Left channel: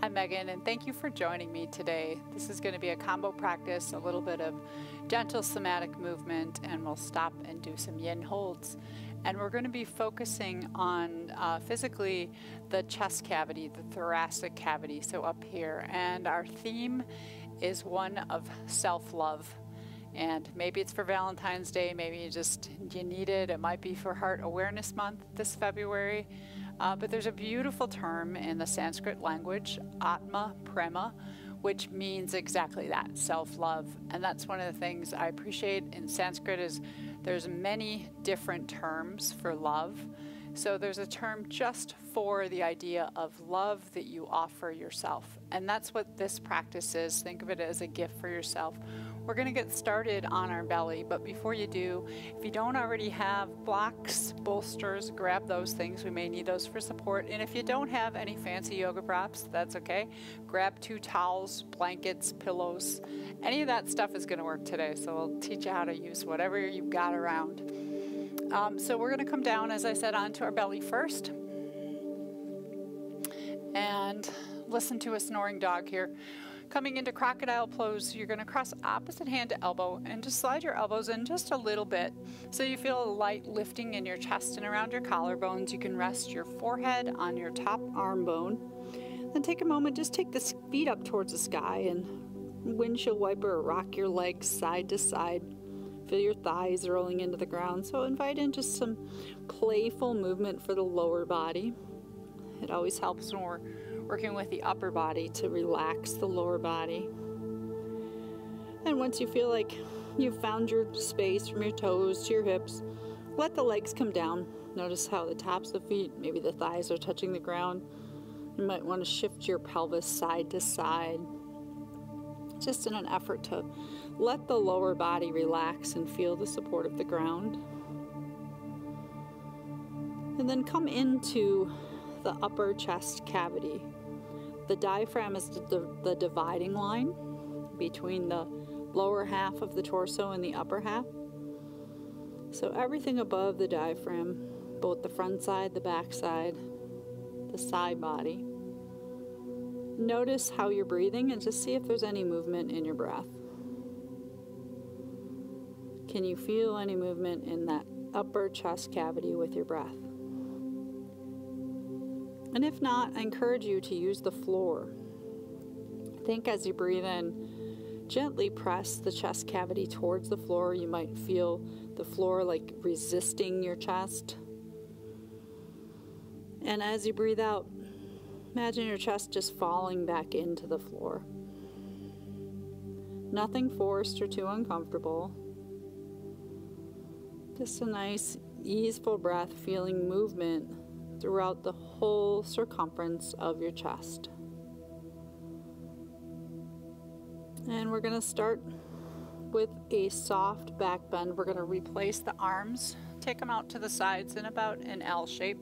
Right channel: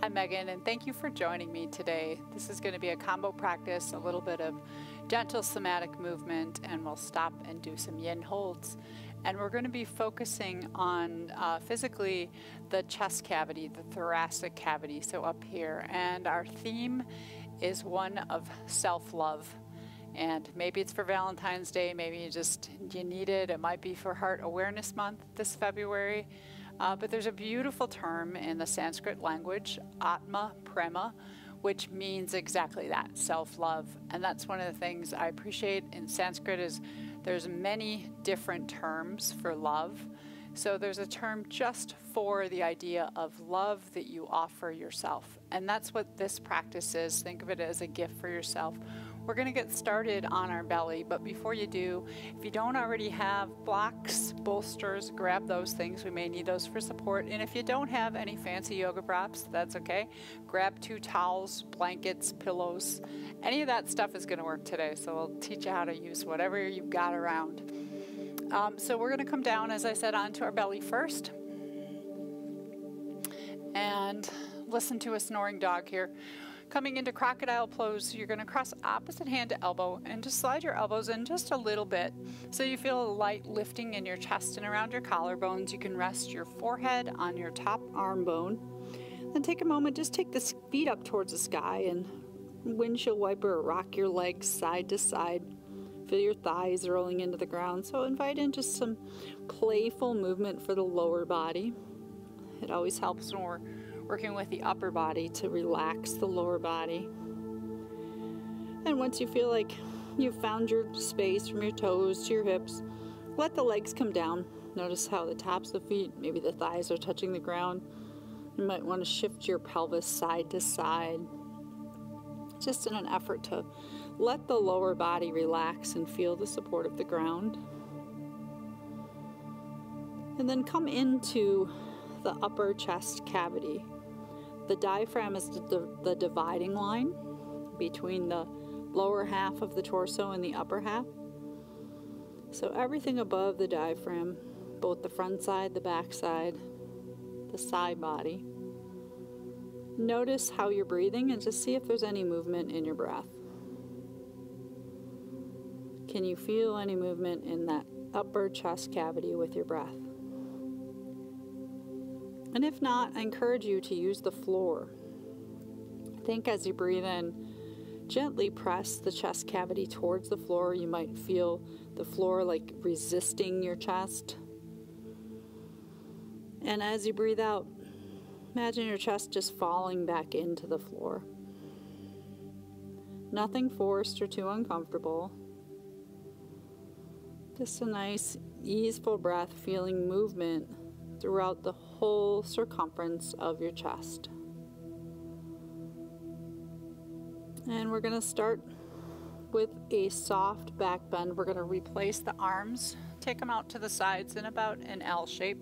Hi Megan, and thank you for joining me today. This is going to be a combo practice, a little bit of gentle somatic movement, and we'll stop and do some yin holds. And we're going to be focusing on physically the chest cavity, the thoracic cavity, so up here. And our theme is one of self-love. And maybe it's for Valentine's Day, maybe you need it. It might be for Heart Awareness Month this February. But there's a beautiful term in the Sanskrit language, Atma Prema, which means exactly that, self-love. And that's one of the things I appreciate in Sanskrit is there's many different terms for love. So there's a term just for the idea of love that you offer yourself. And that's what this practice is. Think of it as a gift for yourself. We're going to get started on our belly, but before you do, if you don't already have blocks, bolsters, grab those things. We may need those for support. And if you don't have any fancy yoga props, that's okay. Grab 2 towels, blankets, pillows. Any of that stuff is going to work today, so we'll teach you how to use whatever you've got around. So we're going to come down, as I said, onto our belly first. And listen to a snoring dog here. Coming into crocodile pose, you're going to cross opposite hand to elbow and just slide your elbows in just a little bit so you feel a light lifting in your chest and around your collarbones. You can rest your forehead on your top arm bone. Then take a moment, just take the feet up towards the sky and windshield wiper or rock your legs side to side. Feel your thighs rolling into the ground. So invite in just some playful movement for the lower body. It always helps when we're working with the upper body to relax the lower body. And once you feel like you've found your space from your toes to your hips, let the legs come down. Notice how the tops of the feet, maybe the thighs are touching the ground. You might want to shift your pelvis side to side, just in an effort to let the lower body relax and feel the support of the ground. And then come into the upper chest cavity. The diaphragm is the dividing line between the lower half of the torso and the upper half. So everything above the diaphragm, both the front side, the back side, the side body. Notice how you're breathing and just see if there's any movement in your breath. Can you feel any movement in that upper chest cavity with your breath? And if not, I encourage you to use the floor. Think as you breathe in, gently press the chest cavity towards the floor. You might feel the floor like resisting your chest. And as you breathe out, imagine your chest just falling back into the floor. Nothing forced or too uncomfortable. Just a nice, easeful breath, feeling movement throughout the whole circumference of your chest. And we're going to start with a soft back bend. We're going to replace the arms, take them out to the sides in about an L shape.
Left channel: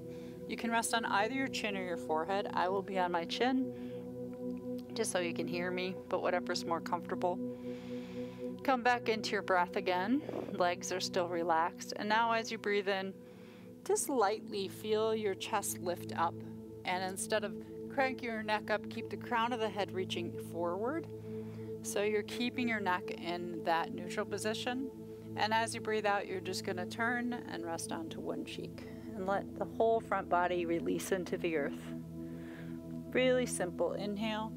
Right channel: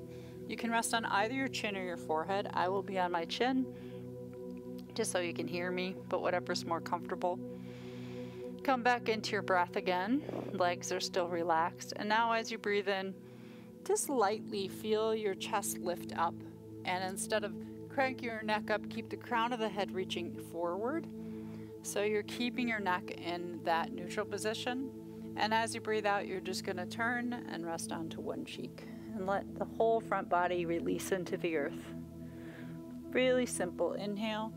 You can rest on either your chin or your forehead. I will be on my chin, just so you can hear me, but whatever's more comfortable. Come back into your breath again. Legs are still relaxed. And now as you breathe in, just lightly feel your chest lift up. And instead of cranking your neck up, keep the crown of the head reaching forward. So you're keeping your neck in that neutral position. And as you breathe out, you're just going to turn and rest onto one cheek. And let the whole front body release into the earth. Really simple. Inhale.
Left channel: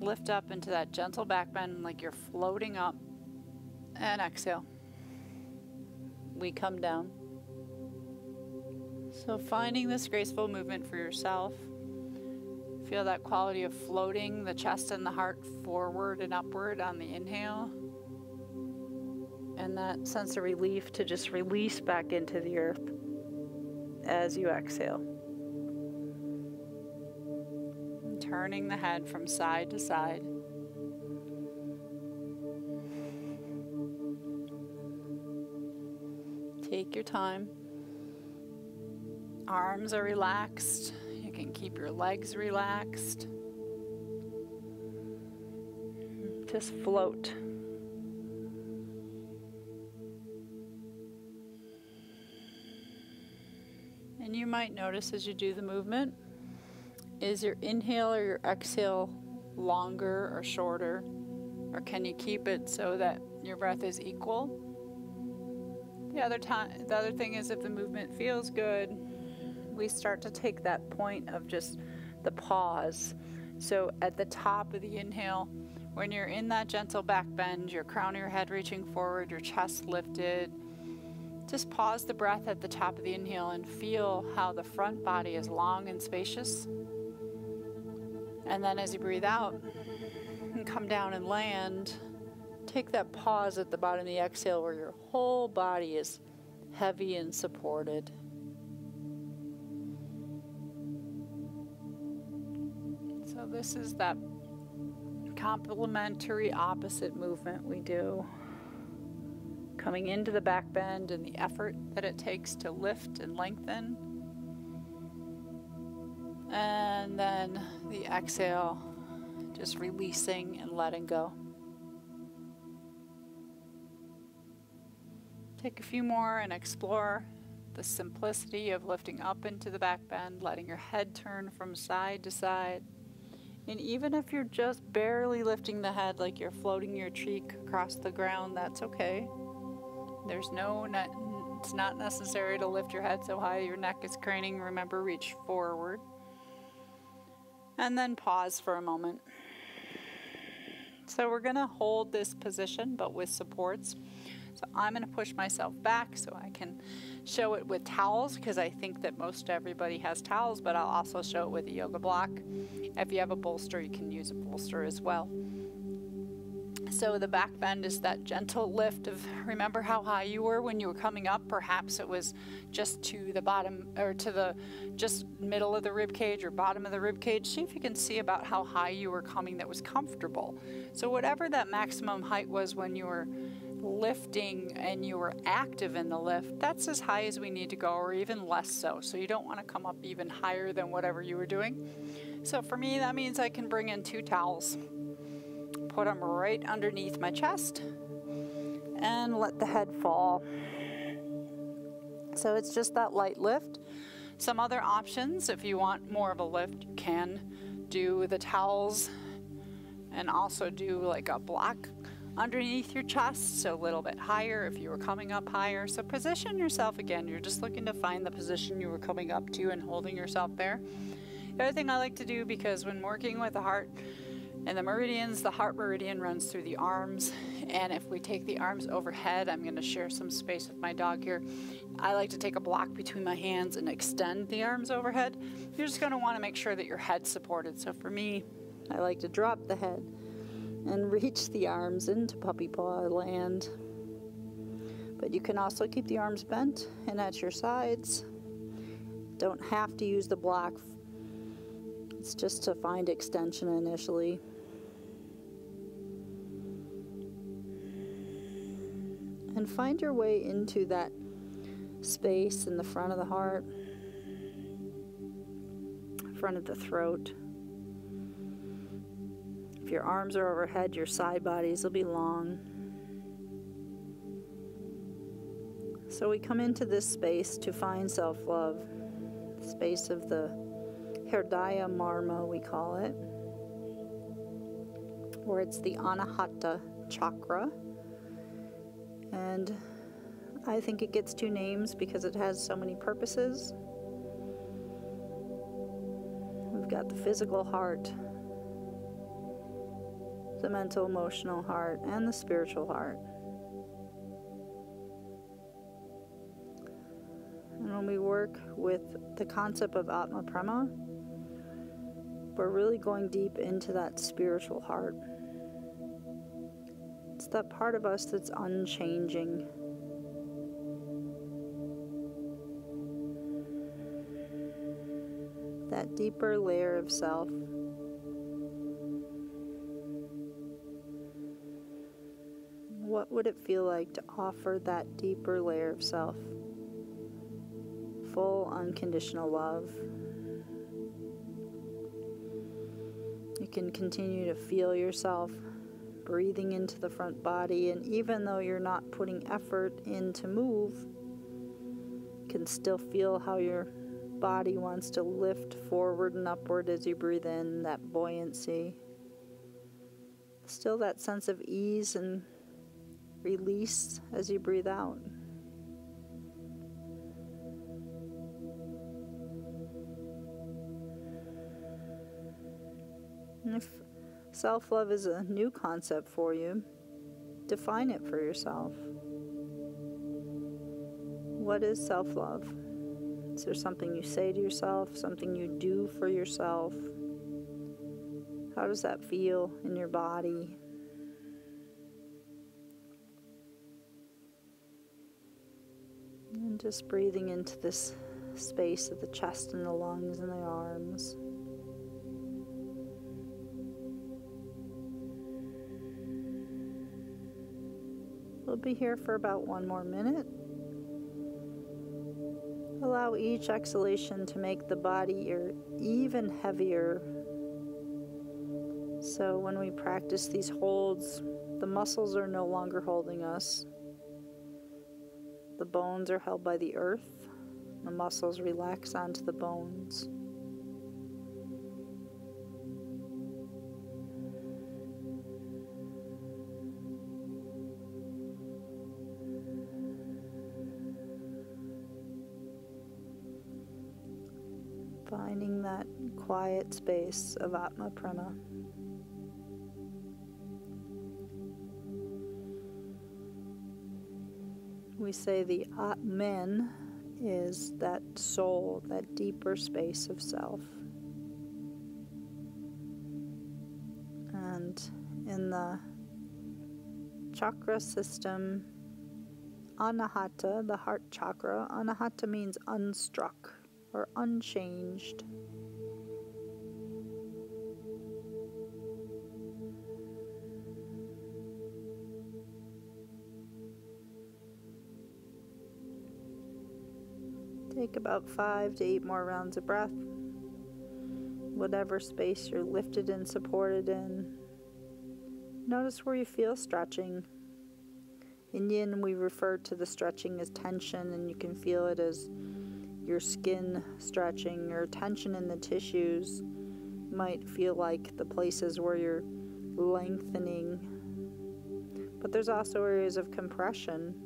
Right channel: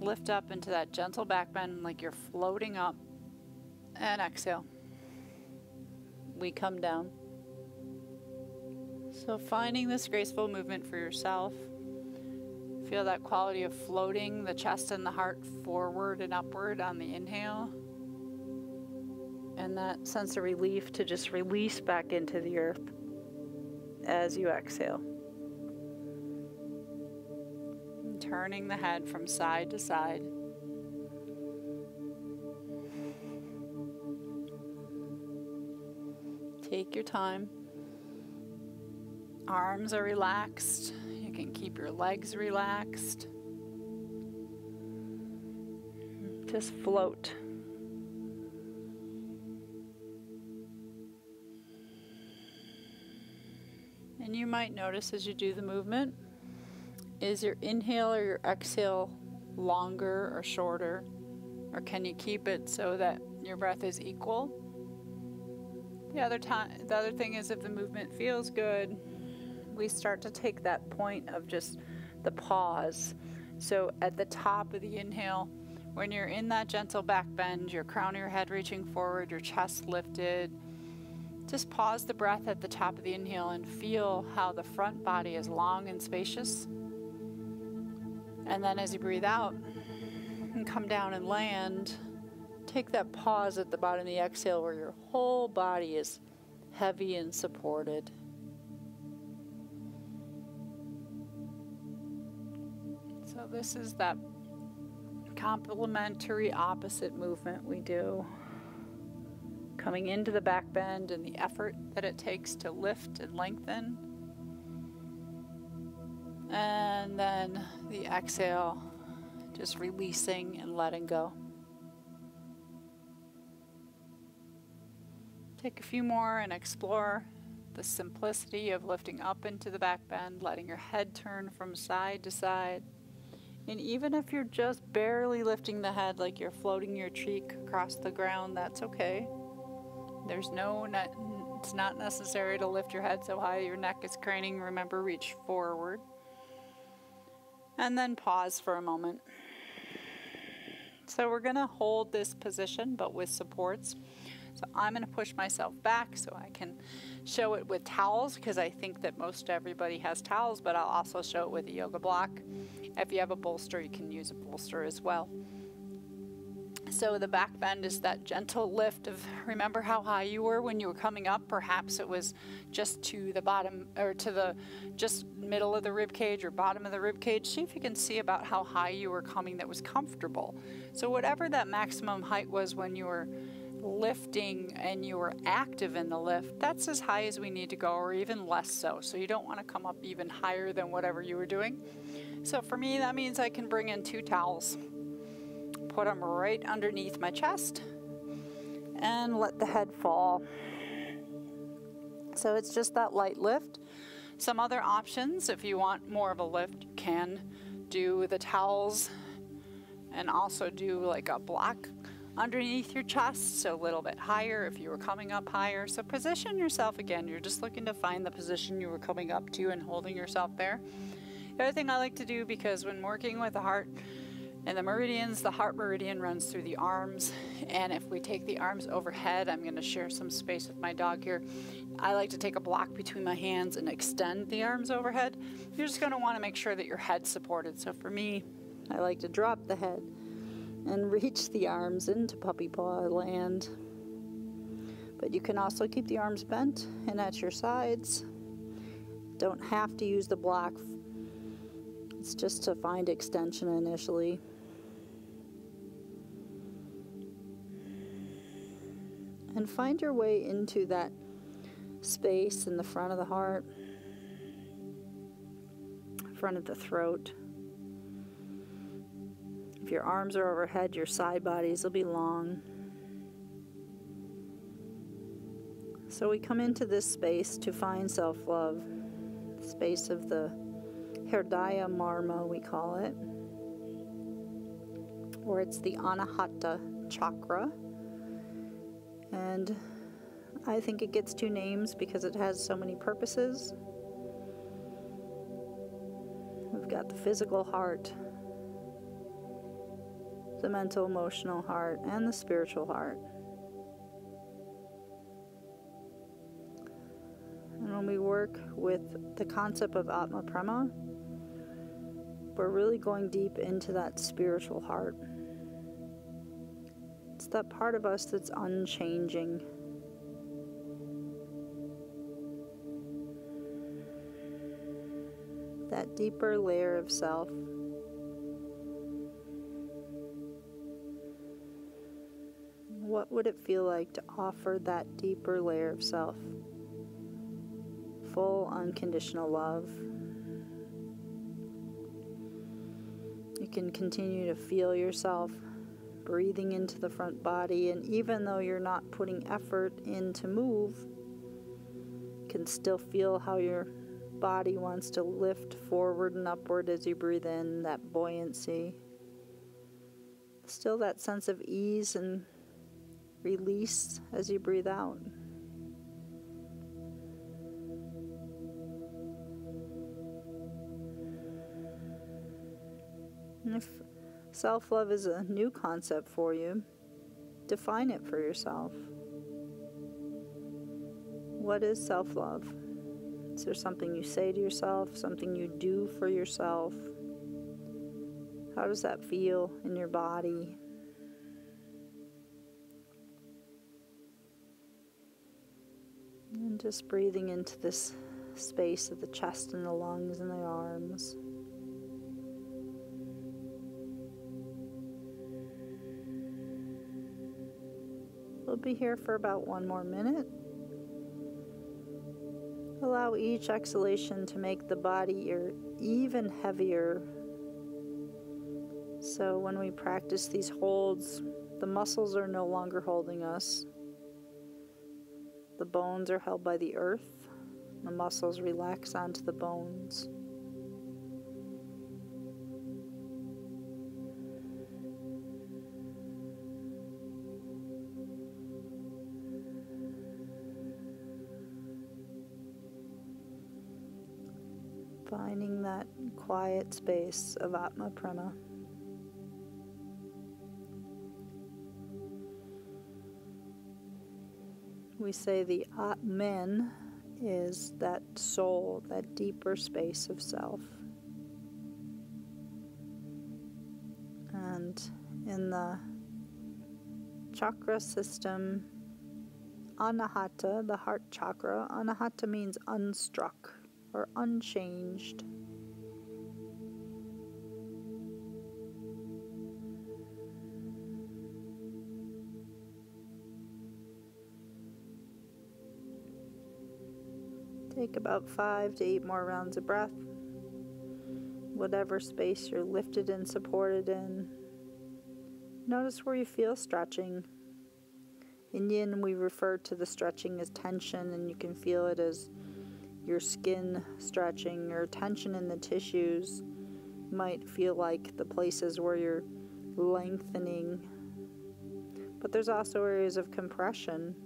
Lift up into that gentle back bend like you're floating up. And exhale. We come down. So finding this graceful movement for yourself. Feel that quality of floating the chest and the heart forward and upward on the inhale. And that sense of relief to just release back into the earth as you exhale. And turning the head from side to side. Take your time. Arms are relaxed. You can keep your legs relaxed. Just float. And you might notice as you do the movement, Is your inhale or your exhale longer or shorter? Or can you keep it so that your breath is equal? The other thing is, if the movement feels good, we start to take that point of just the pause. So at the top of the inhale, when you're in that gentle back bend, your crown of your head reaching forward, your chest lifted, just pause the breath at the top of the inhale and feel how the front body is long and spacious. And then as you breathe out and come down and land, take that pause at the bottom of the exhale where your whole body is heavy and supported. So this is that complementary opposite movement we do. Coming into the back bend and the effort that it takes to lift and lengthen. And then the exhale, just releasing and letting go. Take a few more and explore the simplicity of lifting up into the back bend, letting your head turn from side to side. And even if you're just barely lifting the head, like you're floating your cheek across the ground, that's okay. It's not necessary to lift your head so high your neck is craning. Remember, reach forward. And then pause for a moment. So we're going to hold this position, but with supports. So I'm going to push myself back so I can show it with towels, because I think that most everybody has towels, but I'll also show it with a yoga block. If you have a bolster, you can use a bolster as well. So the back bend is that gentle lift of, remember how high you were when you were coming up? Perhaps it was just to the bottom, or to the just middle of the rib cage or bottom of the rib cage. See if you can see about how high you were coming that was comfortable. So whatever that maximum height was when you were lifting and you were active in the lift, that's as high as we need to go, or even less so. So you don't want to come up even higher than whatever you were doing. So for me, that means I can bring in 2 towels. Put them right underneath my chest and let the head fall. So it's just that light lift. Some other options, if you want more of a lift, you can do the towels and also do like a block underneath your chest, so a little bit higher if you were coming up higher. So position yourself again. You're just looking to find the position you were coming up to and holding yourself there. The other thing I like to do, because when working with the heart and the meridians, the heart meridian runs through the arms, and if we take the arms overhead, I'm going to share some space with my dog here. I like to take a block between my hands and extend the arms overhead. You're just going to want to make sure that your head's supported. So for me, I like to drop the head and reach the arms into puppy paw land. But you can also keep the arms bent and at your sides. Don't have to use the block. It's just to find extension initially. And find your way into that space in the front of the heart, front of the throat. If your arms are overhead, your side bodies will be long. So we come into this space to find self-love, the space of the Hridaya Marma, we call it, or it's the Anahata Chakra. And I think it gets 2 names because it has so many purposes. We've got the physical heart, the mental, emotional heart, and the spiritual heart. And when we work with the concept of Atma Prema, we're really going deep into that spiritual heart. It's that part of us that's unchanging. That deeper layer of self. What would it feel like to offer that deeper layer of self? Full unconditional love. You can continue to feel yourself breathing into the front body, and even though you're not putting effort in to move, you can still feel how you're body wants to lift forward and upward as you breathe in, that buoyancy. Still that sense of ease and release as you breathe out. And if self-love is a new concept for you, define it for yourself. What is self-love? Is there something you say to yourself, something you do for yourself? How does that feel in your body? And just breathing into this space of the chest and the lungs and the arms. We'll be here for about 1 more minute. Allow each exhalation to make the body even heavier. So when we practice these holds, the muscles are no longer holding us. The bones are held by the earth. The muscles relax onto the bones. Finding that quiet space of Atma Prema. We say the Atman is that soul, that deeper space of self. And in the chakra system, Anahata, the heart chakra, Anahata means unstruck or unchanged. Take about 5 to 8 more rounds of breath. Whatever space you're lifted and supported in. Notice where you feel stretching. In Yin, we refer to the stretching as tension, and you can feel it as your skin stretching, or tension in the tissues might feel like the places where you're lengthening. But there's also areas of compression.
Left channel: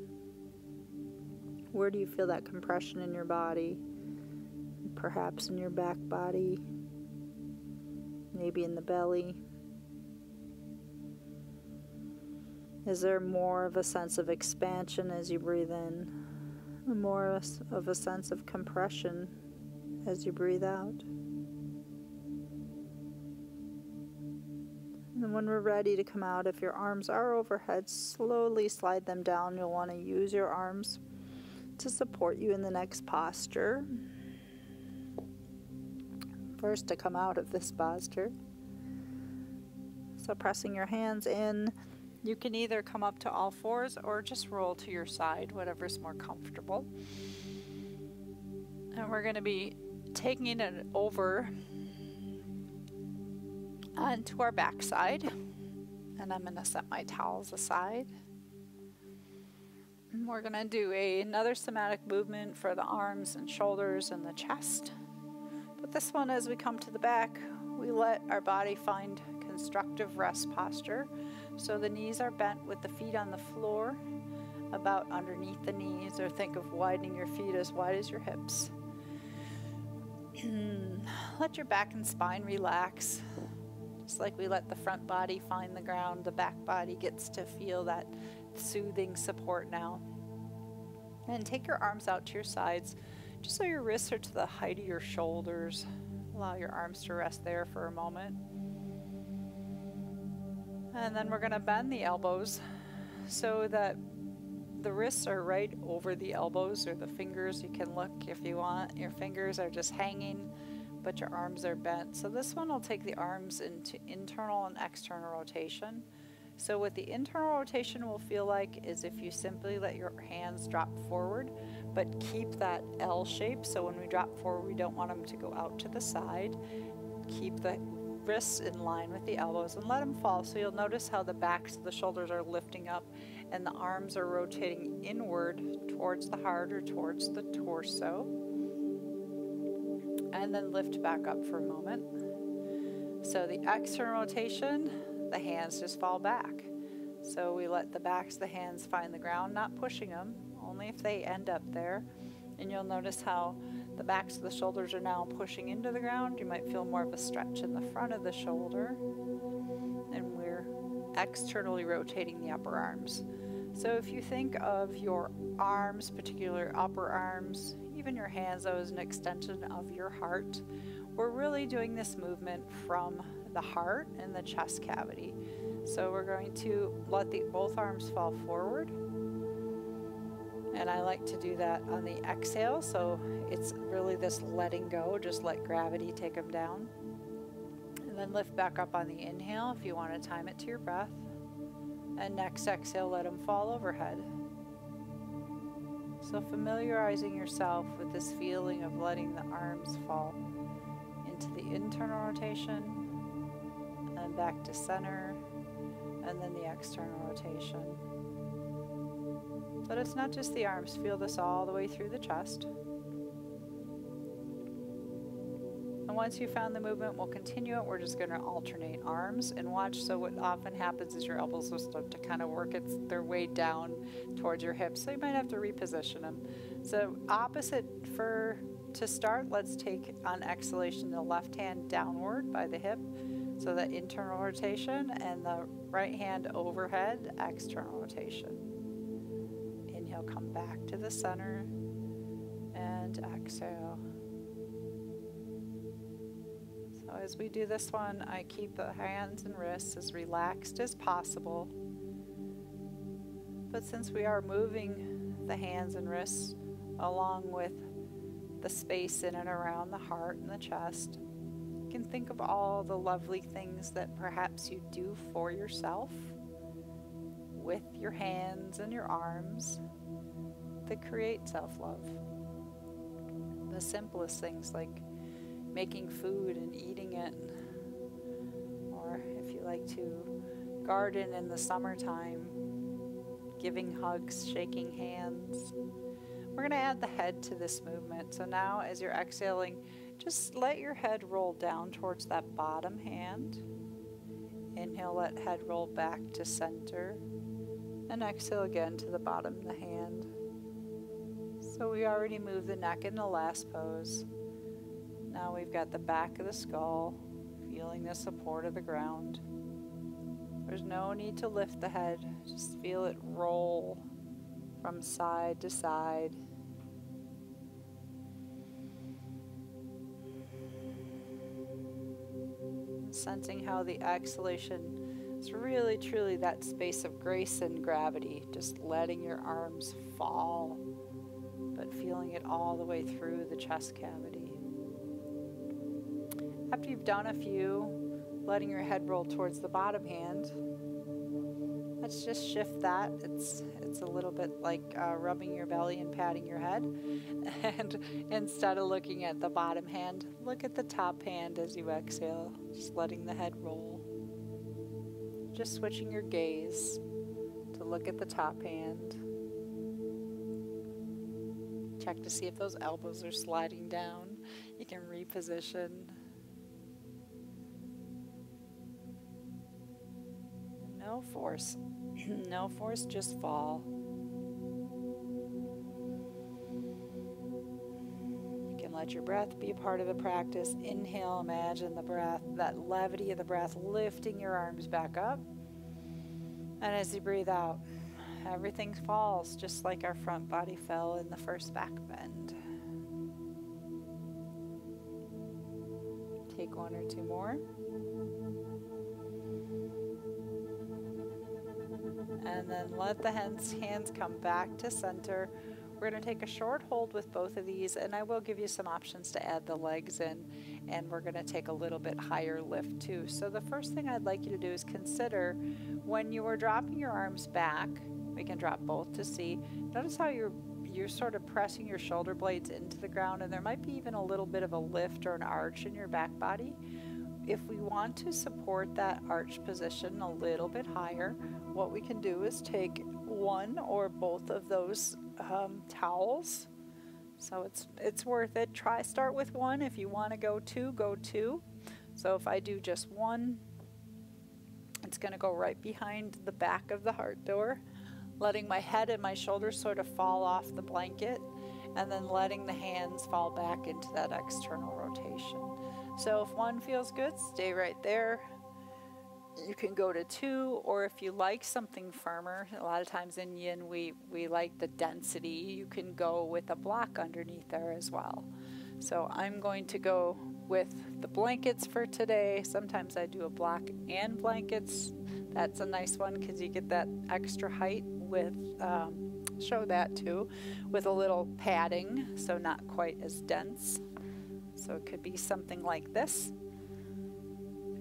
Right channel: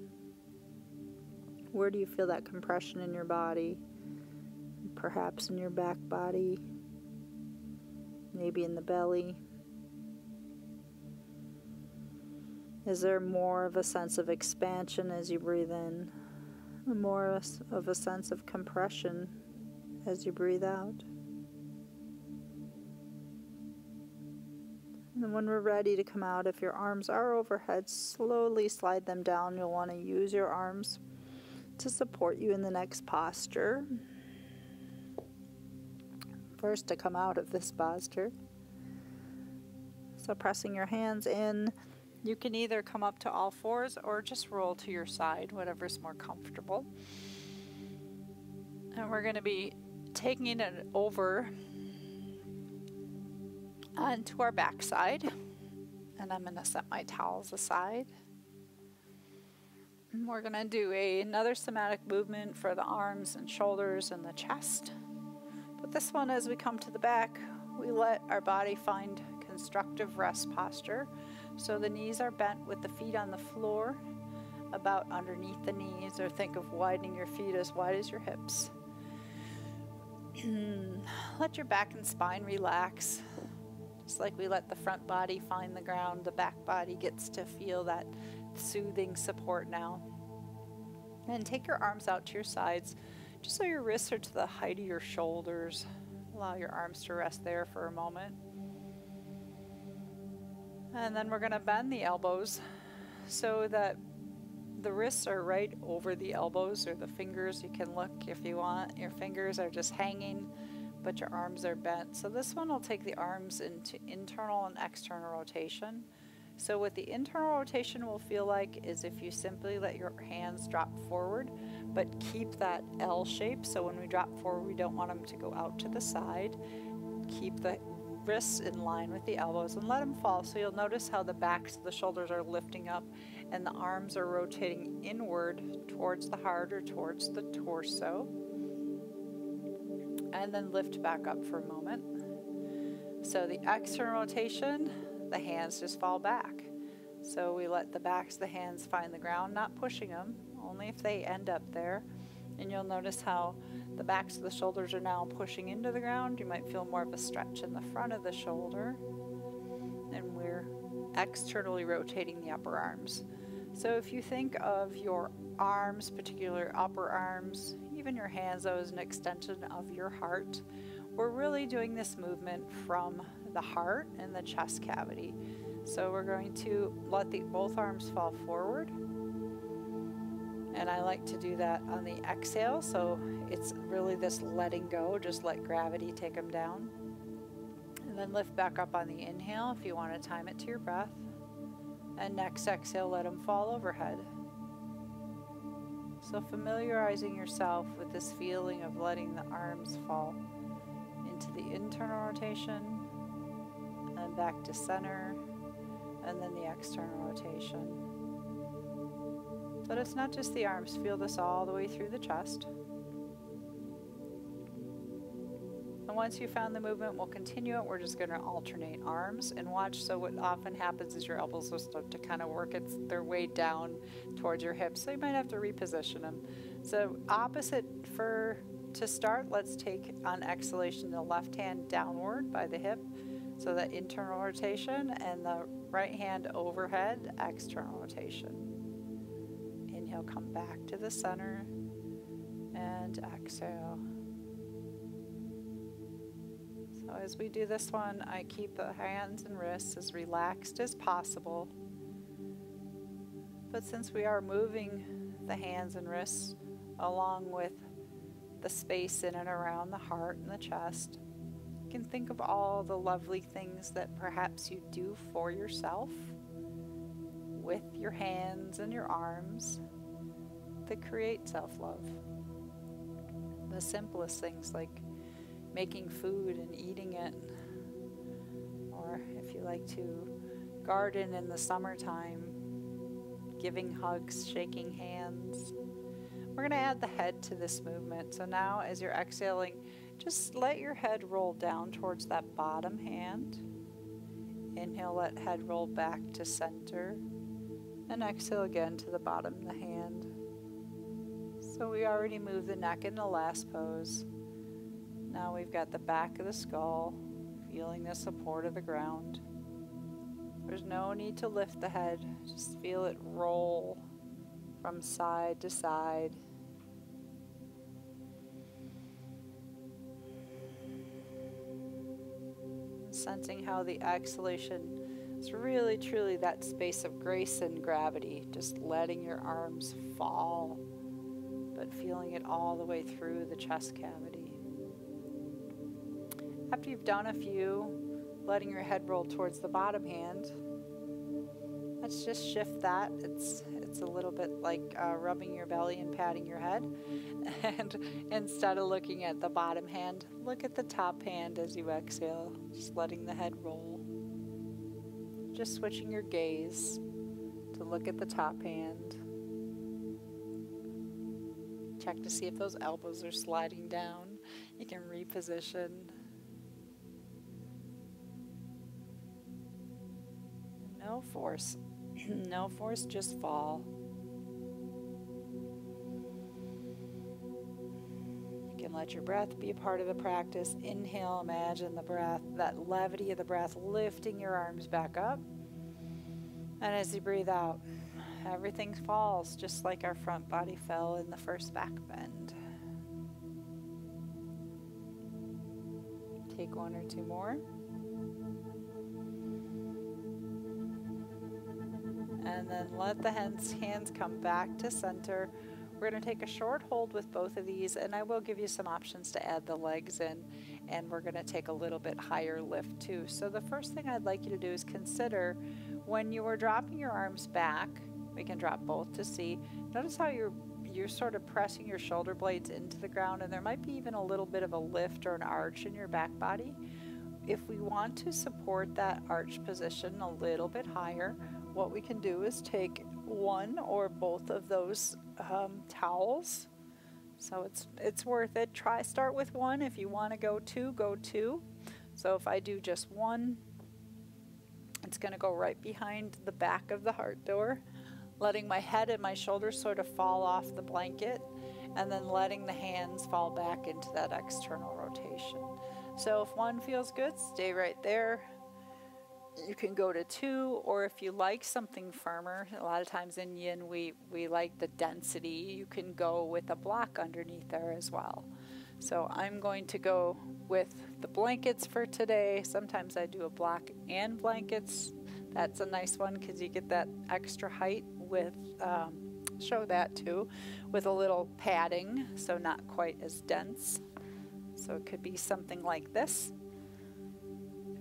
Where do you feel that compression in your body? Perhaps in your back body, maybe in the belly. Is there more of a sense of expansion as you breathe in? More of a sense of compression as you breathe out? And then when we're ready to come out, if your arms are overhead, slowly slide them down. You'll want to use your arms to support you in the next posture. First to come out of this posture. So pressing your hands in, you can either come up to all fours or just roll to your side, whatever's more comfortable. And we're going to be taking it over onto our backside. And I'm going to set my towels aside. And we're going to do another somatic movement for the arms and shoulders and the chest. But this one, as we come to the back, we let our body find constructive rest posture. So the knees are bent with the feet on the floor, about underneath the knees, or think of widening your feet as wide as your hips. Let your back and spine relax. Just like we let the front body find the ground, the back body gets to feel that soothing support now. And take your arms out to your sides, just so your wrists are to the height of your shoulders. Allow your arms to rest there for a moment. And then we're going to bend the elbows so that the wrists are right over the elbows, or the fingers. You can look if you want. Your fingers are just hanging, but your arms are bent. So this one will take the arms into internal and external rotation. So what the internal rotation will feel like is if you simply let your hands drop forward, but keep that L shape. So when we drop forward, we don't want them to go out to the side. Keep the wrists in line with the elbows and let them fall. So you'll notice how the backs of the shoulders are lifting up and the arms are rotating inward towards the heart or towards the torso. and then lift back up for a moment. So the external rotation, the hands just fall back. So we let the backs of the hands find the ground, not pushing them, only if they end up there. And you'll notice how the backs of the shoulders are now pushing into the ground. You might feel more of a stretch in the front of the shoulder. And we're externally rotating the upper arms. So if you think of your arms, particular upper arms, even your hands as an extension of your heart, we're really doing this movement from the heart and the chest cavity. So we're going to let both arms fall forward. And I like to do that on the exhale. So it's really this letting go, just let gravity take them down. And then lift back up on the inhale if you want to time it to your breath. And next exhale, let them fall overhead. So familiarizing yourself with this feeling of letting the arms fall into the internal rotation and back to center, and then the external rotation. But it's not just the arms. Feel this all the way through the chest. And once you found the movement, we'll continue it. We're just going to alternate arms and watch. So what often happens is your elbows will start to kind of work their way down towards your hips. So you might have to reposition them. So opposite to start, let's take on exhalation the left hand downward by the hip. So that internal rotation, and the right hand overhead, external rotation. Inhale, come back to the center, and exhale. So as we do this one, I keep the hands and wrists as relaxed as possible. But since we are moving the hands and wrists along with the space in and around the heart and the chest, you can think of all the lovely things that perhaps you do for yourself with your hands and your arms that create self-love. The simplest things like making food and eating it, or if you like to garden in the summertime, giving hugs, shaking hands. We're going to add the head to this movement. So now as you're exhaling, just let your head roll down towards that bottom hand. Inhale, let head roll back to center. And exhale again to the bottom of the hand. So we already moved the neck in the last pose. Now we've got the back of the skull, feeling the support of the ground. There's no need to lift the head, just feel it roll from side to side. And sensing how the exhalation is really truly that space of grace and gravity, just letting your arms fall, but feeling it all the way through the chest cavity. After you've done a few, letting your head roll towards the bottom hand, let's just shift that. It's a little bit like rubbing your belly and patting your head. And instead of looking at the bottom hand, look at the top hand as you exhale, just letting the head roll. Just switching your gaze to look at the top hand. Check to see if those elbows are sliding down. You can reposition. No force. No force, just fall. You can let your breath be a part of the practice. Inhale, imagine the breath, that levity of the breath, lifting your arms back up. And as you breathe out, everything falls just like our front body fell in the first back bend. Take one or two more. And then let the hands come back to center. We're going to take a short hold with both of these, and I will give you some options to add the legs in, and we're going to take a little bit higher lift too. So the first thing I'd like you to do is consider when you are dropping your arms back, we can drop both to see. Notice how you're sort of pressing your shoulder blades into the ground, and there might be even a little bit of a lift or an arch in your back body. If we want to support that arch position a little bit higher, what we can do is take one or both of those towels, So it's worth it. Start with one. If you want to go two, go two. So if I do just one, it's going to go right behind the back of the heart door, letting my head and my shoulders sort of fall off the blanket, and then letting the hands fall back into that external rotation. So if one feels good, stay right there. You can go to two, or if you like something firmer, a lot of times in yin we like the density, you can go with a block underneath there as well. So I'm going to go with the blankets for today. Sometimes I do a block and blankets. That's a nice one because you get that extra height with, show that too, with a little padding, so not quite as dense. So it could be something like this.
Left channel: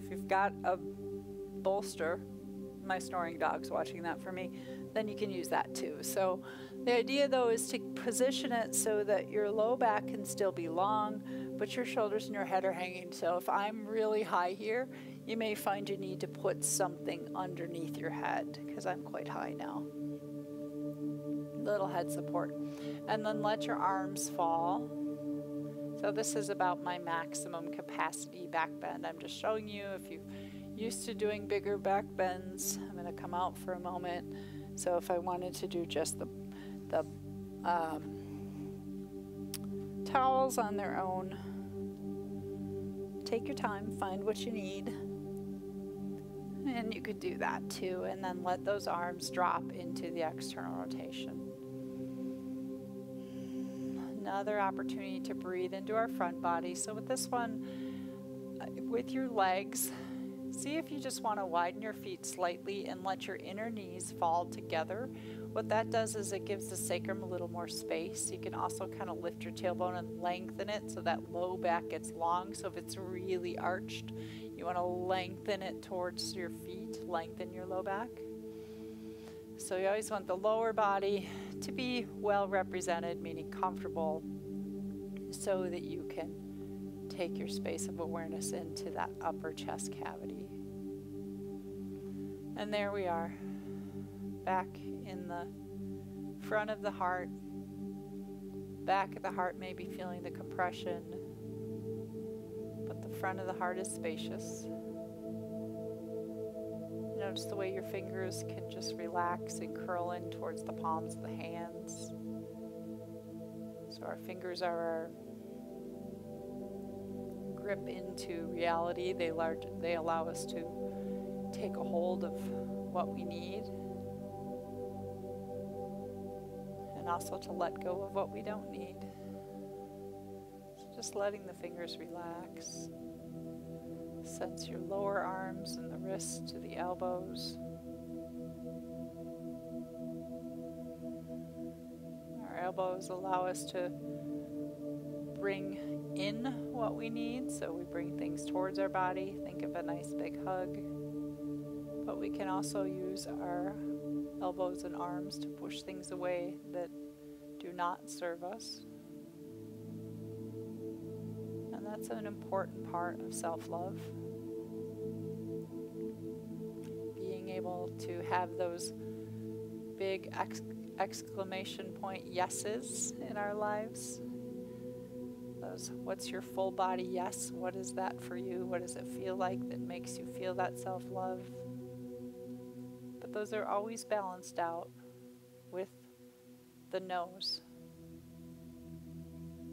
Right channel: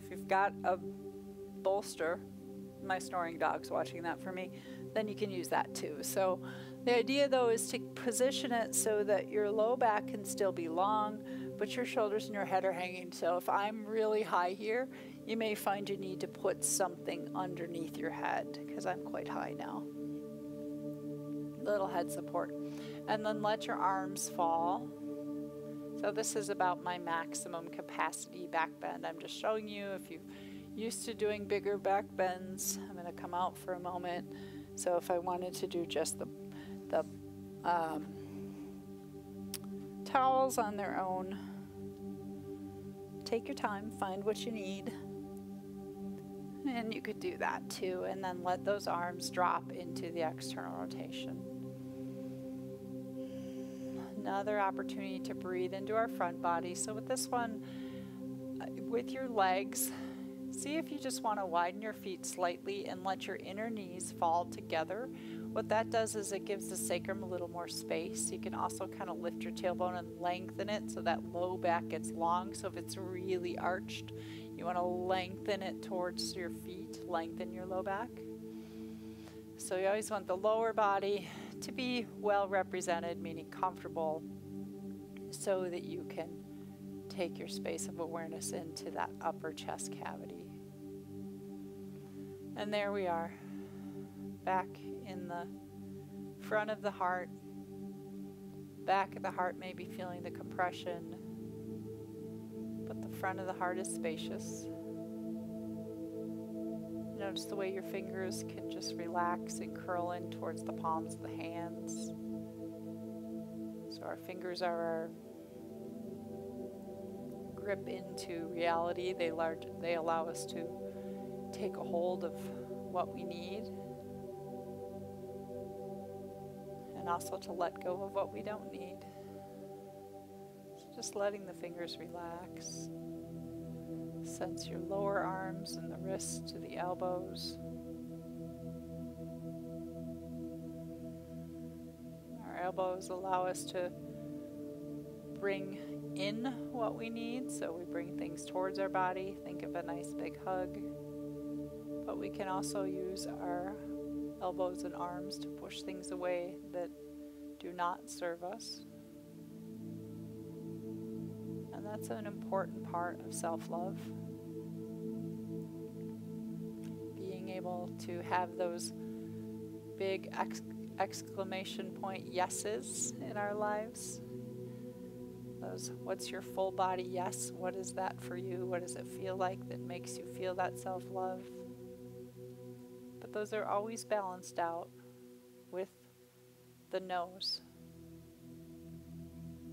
If you've got a bolster, my snoring dog's watching that for me, then you can use that too. So the idea though is to position it so that your low back can still be long, but your shoulders and your head are hanging. So if I'm really high here, you may find you need to put something underneath your head, because I'm quite high now. Little head support. And then let your arms fall. So this is about my maximum capacity back bend. I'm just showing you, if you're used to doing bigger back bends, I'm going to come out for a moment. So if I wanted to do just the towels on their own, take your time, find what you need. And you could do that too, and then let those arms drop into the external rotation. Another opportunity to breathe into our front body. So with this one, with your legs, see if you just want to widen your feet slightly and let your inner knees fall together. What that does is it gives the sacrum a little more space. You can also kind of lift your tailbone and lengthen it so that low back gets long. So if it's really arched, you want to lengthen it towards your feet, lengthen your low back. So you always want the lower body to be well represented, meaning comfortable, so that you can take your space of awareness into that upper chest cavity. And there we are, back in the front of the heart. Back of the heart may be feeling the compression, but the front of the heart is spacious. Notice the way your fingers can just relax and curl in towards the palms of the hands. So our fingers are our grip into reality. They allow us to take a hold of what we need, and also to let go of what we don't need. So just letting the fingers relax. Sense your lower arms and the wrists to the elbows. Our elbows allow us to bring in what we need, so we bring things towards our body. Think of a nice big hug. But we can also use our elbows and arms to push things away that do not serve us. And that's an important part of self-love. Being able to have those big exclamation point yeses in our lives. Those, what's your full body yes? What is that for you? What does it feel like that makes you feel that self-love? But those are always balanced out with the no's.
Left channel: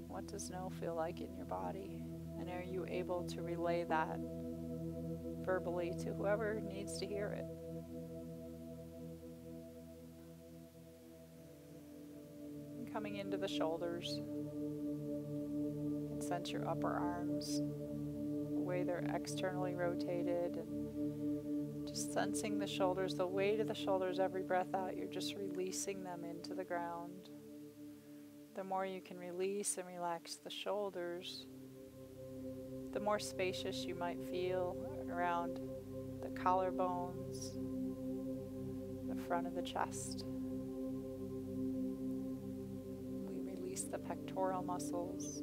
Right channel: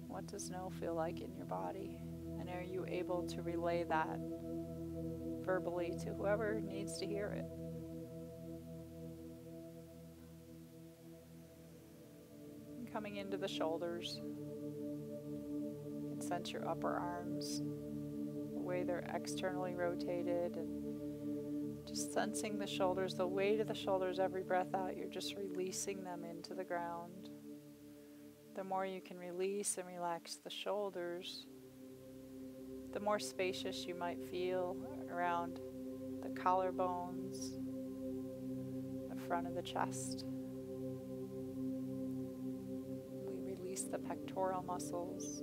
What does no feel like in your body? And are you able to relay that verbally to whoever needs to hear it? And coming into the shoulders, you can sense your upper arms, the way they're externally rotated, and just sensing the shoulders, the weight of the shoulders. Every breath out, you're just releasing them into the ground. The more you can release and relax the shoulders, the more spacious you might feel around the collarbones, the front of the chest. We release the pectoral muscles.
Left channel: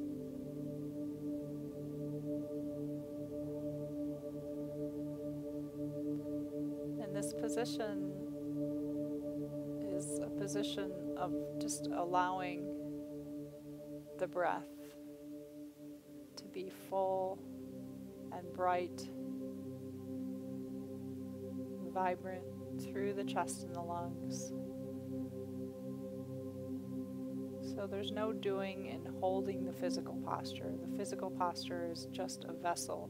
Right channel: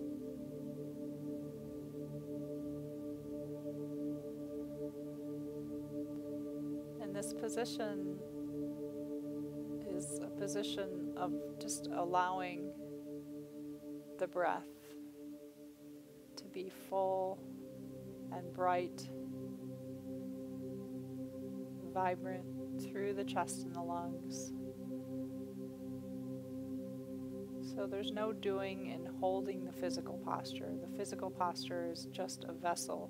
And this position is a position of just allowing the breath to be full and bright, vibrant through the chest and the lungs. So there's no doing in holding the physical posture. The physical posture is just a vessel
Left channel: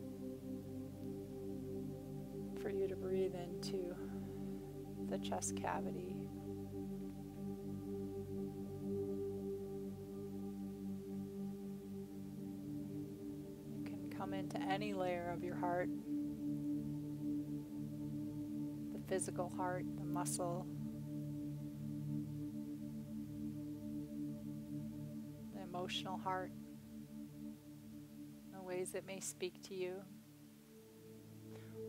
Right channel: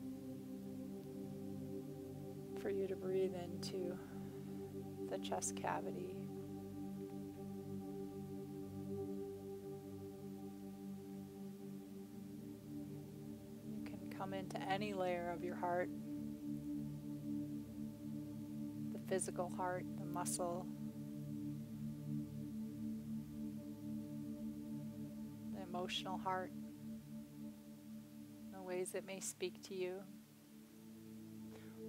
for you to breathe into the chest cavity. You can come into any layer of your heart, the physical heart, the muscle, the emotional heart, the ways it may speak to you.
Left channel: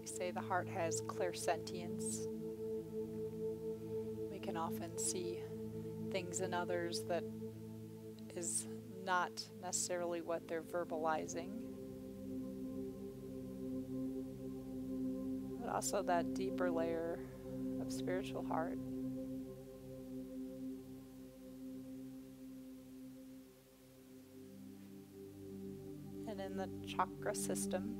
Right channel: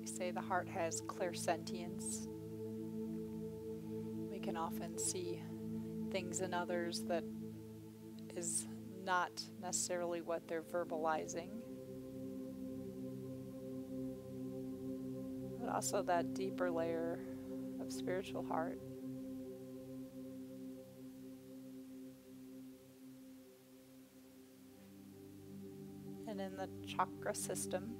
We say the heart has clairsentience. We can often see things in others that is not necessarily what they're verbalizing. But also that deeper layer of spiritual heart. And in the chakra system,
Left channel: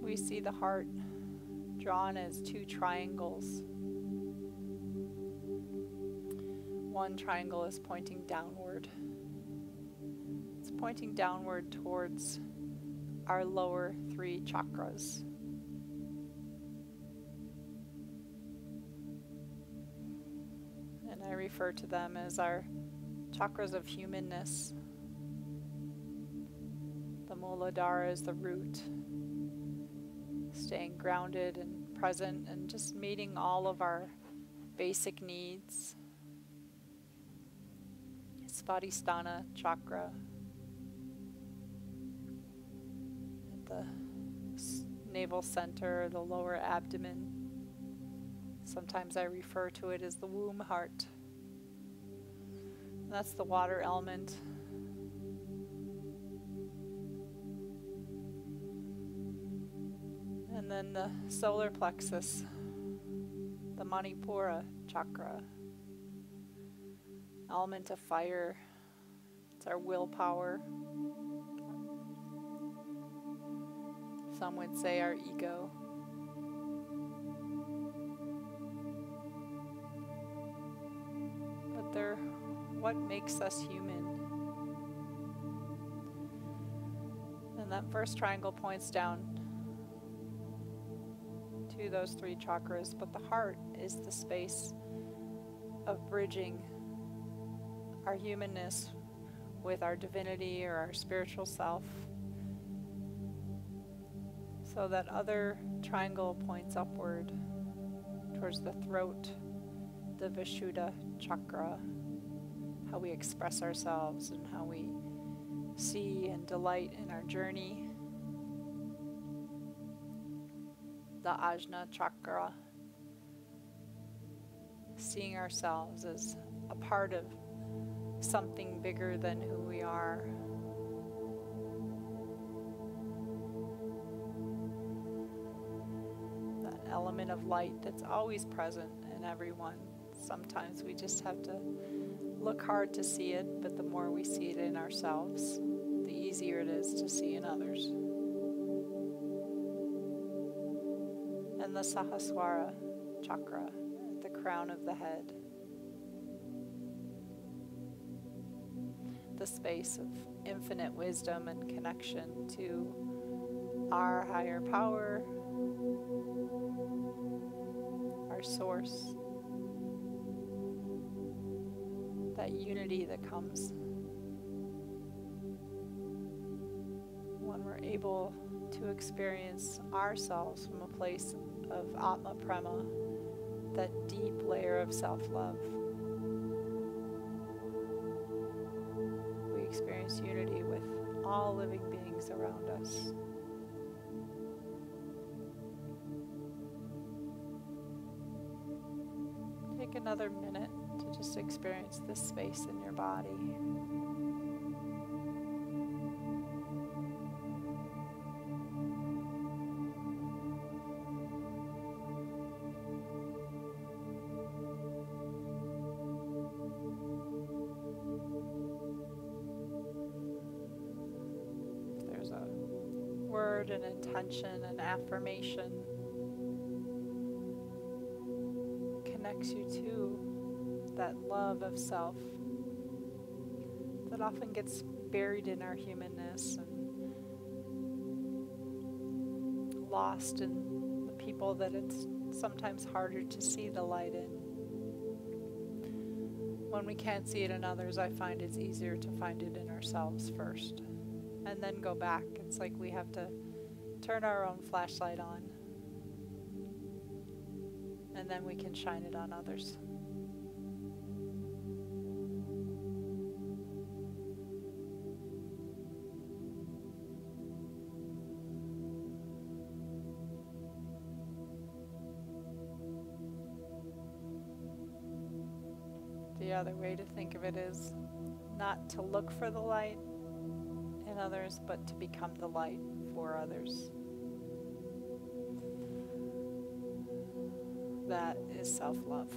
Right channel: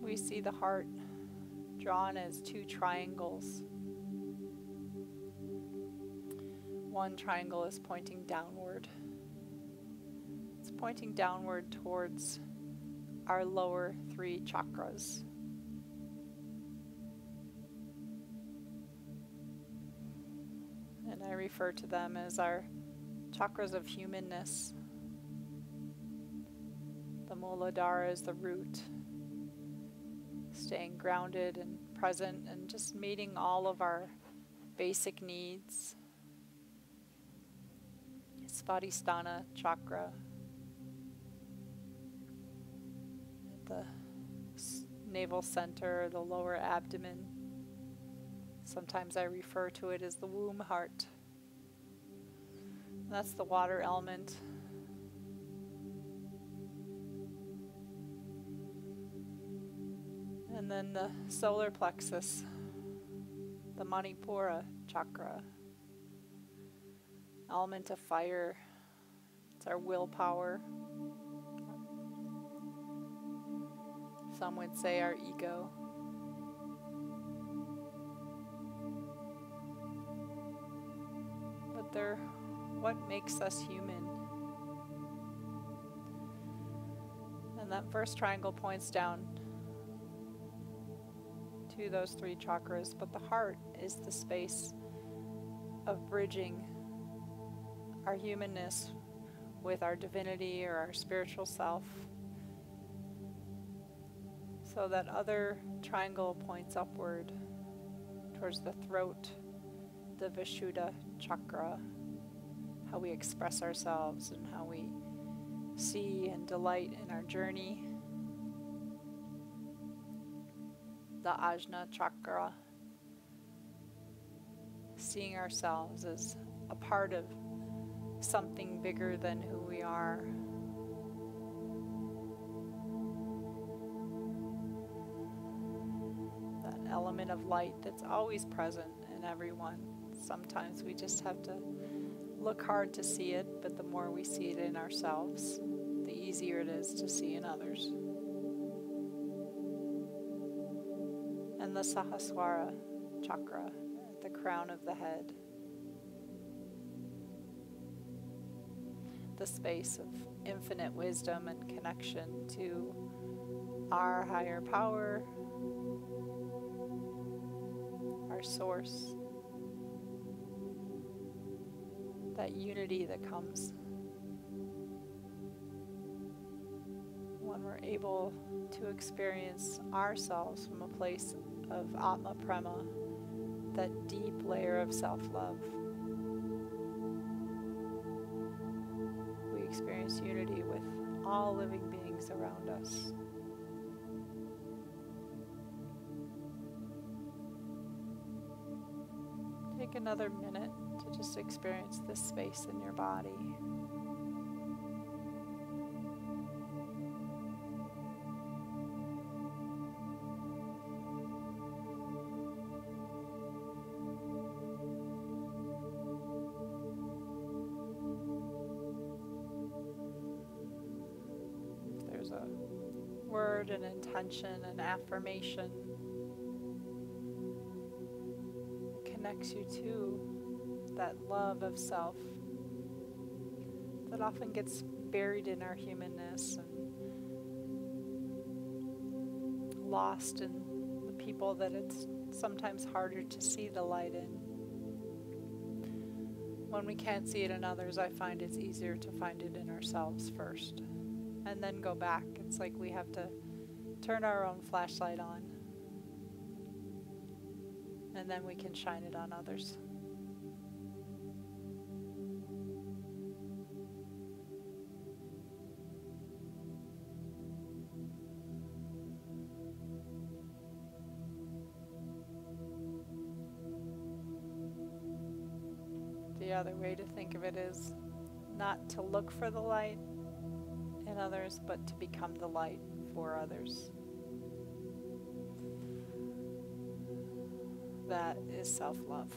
we see the heart drawn as two triangles. One triangle is pointing downward. It's pointing downward towards our lower three chakras. And I refer to them as our chakras of humanness. The Muladhara is the root, staying grounded and present and just meeting all of our basic needs. Svadhisthana Chakra at the navel center, the lower abdomen. Sometimes I refer to it as the womb heart. That's the water element. And then the solar plexus, the Manipura Chakra, element of fire. It's our willpower. Some would say our ego. But they're what makes us human. And that first triangle points down to those three chakras, but the heart is the space of bridging our humanness with our divinity or our spiritual self. So that other triangle points upward towards the throat, the Vishuddha Chakra, how we express ourselves and how we see and delight in our journey. The Ajna Chakra, seeing ourselves as a part of something bigger than who we are. That element of light that's always present in everyone. Sometimes we just have to look hard to see it, but the more we see it in ourselves, the easier it is to see in others. And the Sahasrara Chakra at the crown of the head. The space of infinite wisdom and connection to our higher power, our source. That unity that comes when we're able to experience ourselves from a place of Atma Prema, that deep layer of self-love. We experience unity with all living beings around us. Take another minute to just experience this space in your body. there's a word, an intention, an affirmation that connects you to that love of self that often gets buried in our humanness and lost in the people that it's sometimes harder to see the light in. When we can't see it in others, I find it's easier to find it in ourselves first and then go back. It's like we have to turn our own flashlight on and then we can shine it on others. The other way to think of it is not to look for the light in others, but to become the light for others. That is self-love.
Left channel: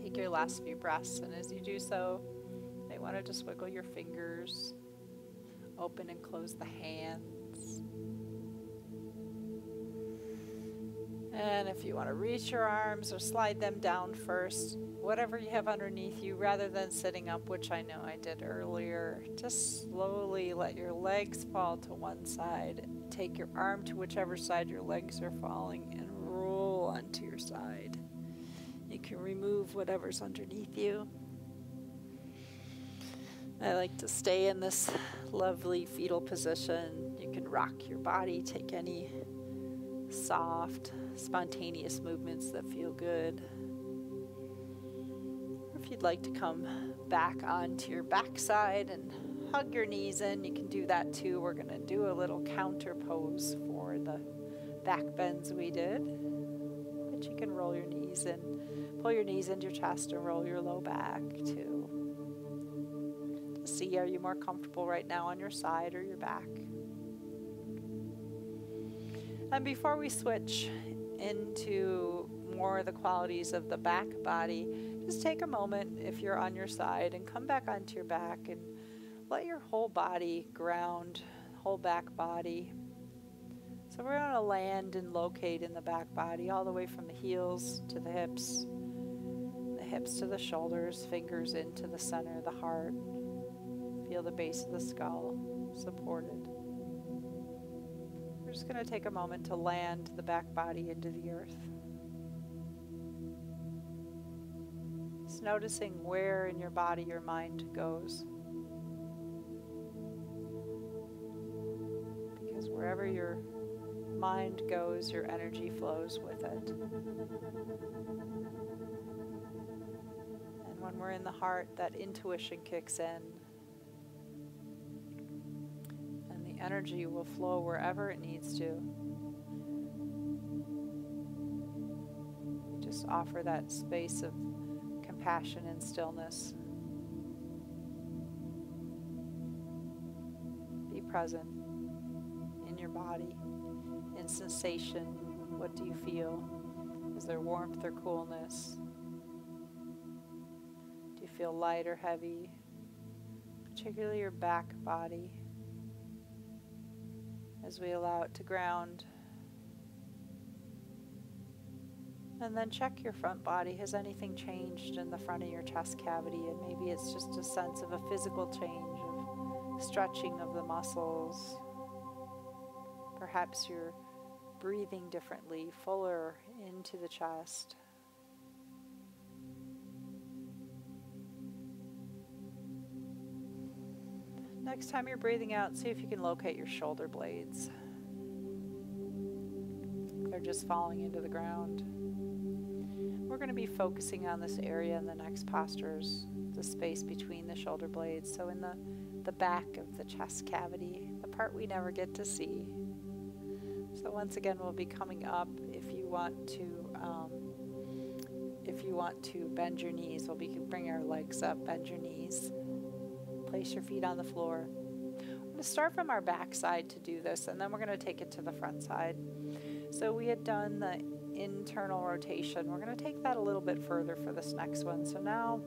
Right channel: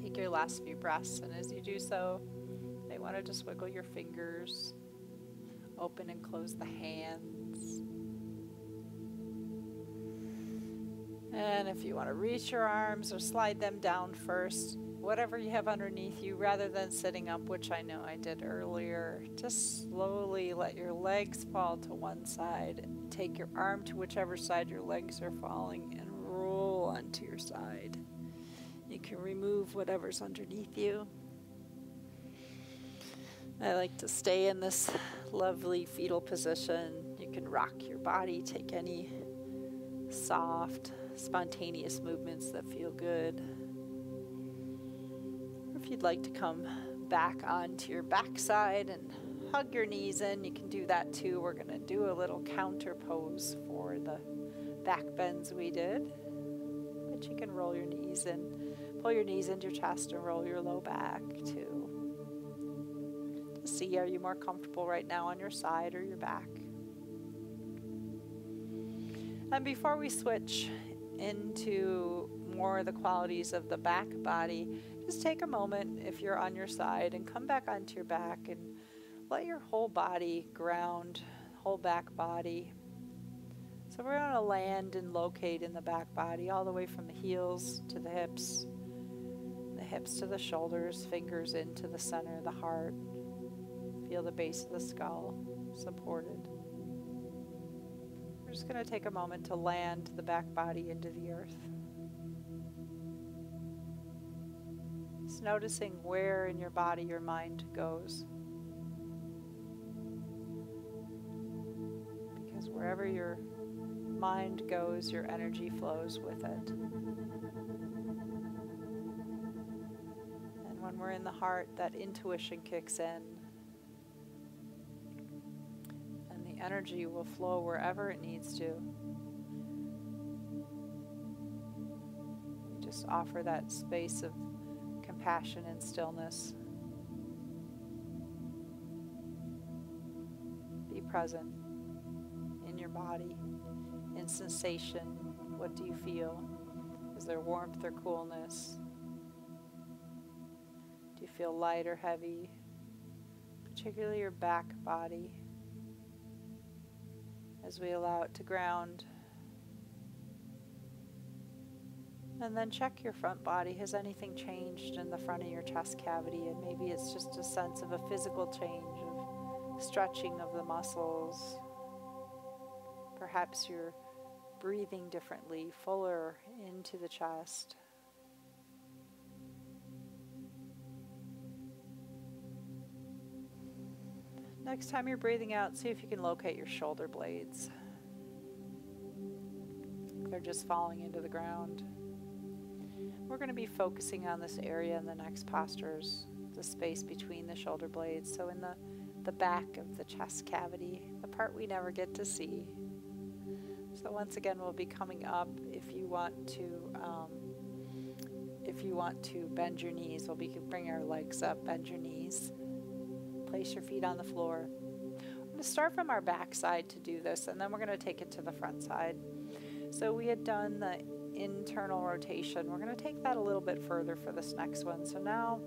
Take your last few breaths, and as you do so, you may want to just wiggle your fingers, open and close the hands. And if you want to reach your arms or slide them down first, whatever you have underneath you, rather than sitting up, which I know I did earlier, just slowly let your legs fall to one side. Take your arm to whichever side your legs are falling and roll onto your side. You can remove whatever's underneath you. I like to stay in this lovely fetal position. You can rock your body, take any soft, spontaneous movements that feel good. Or if you'd like to come back onto your backside and hug your knees in, you can do that too. We're going to do a little counter pose for the back bends we did. But you can roll your knees in, pull your knees into your chest and roll your low back too. To see, are you more comfortable right now on your side or your back? And before we switch into more of the qualities of the back body, just take a moment if you're on your side and come back onto your back and let your whole body ground, whole back body. So we're going to land and locate in the back body all the way from the heels to the hips to the shoulders, fingers into the center of the heart. Feel the base of the skull supported. We're just going to take a moment to land the back body into the earth. Just noticing where in your body your mind goes. Because wherever your mind goes, your energy flows with it. And when we're in the heart, that intuition kicks in. Energy will flow wherever it needs to. We just offer that space of compassion and stillness. Be present in your body, in sensation. What do you feel? Is there warmth or coolness? Do you feel light or heavy? Particularly your back body. As we allow it to ground. And then check your front body. Has anything changed in the front of your chest cavity? And maybe it's just a sense of a physical change, of stretching of the muscles. Perhaps you're breathing differently, fuller into the chest. Next time you're breathing out, see if you can locate your shoulder blades. They're just falling into the ground. We're going to be focusing on this area in the next postures, the space between the shoulder blades. So in the back of the chest cavity, the part we never get to see. So once again, we'll be coming up. If you want to bend your knees, we'll be bring our legs up, bend your knees. Place your feet on the floor. We're going to start from our back side to do this, and then we're going to take it to the front side. So we had done the internal rotation. We're going to take that a little bit further for this next one. So now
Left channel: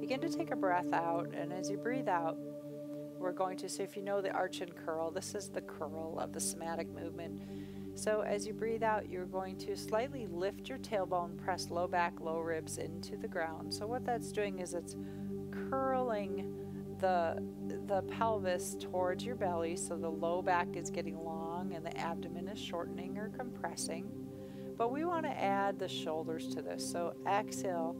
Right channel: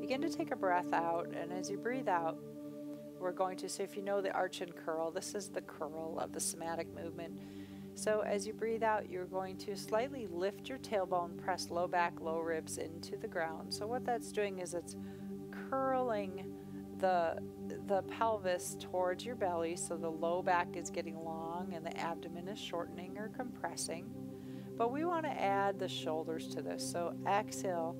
begin to take a breath out, and as you breathe out, we're going to, so if you know the arch and curl, this is the curl of the somatic movement. So as you breathe out, you're going to slightly lift your tailbone, press low back, low ribs into the ground. So what that's doing is it's curling the pelvis towards your belly, so the low back is getting long and the abdomen is shortening or compressing. But we want to add the shoulders to this. So exhale,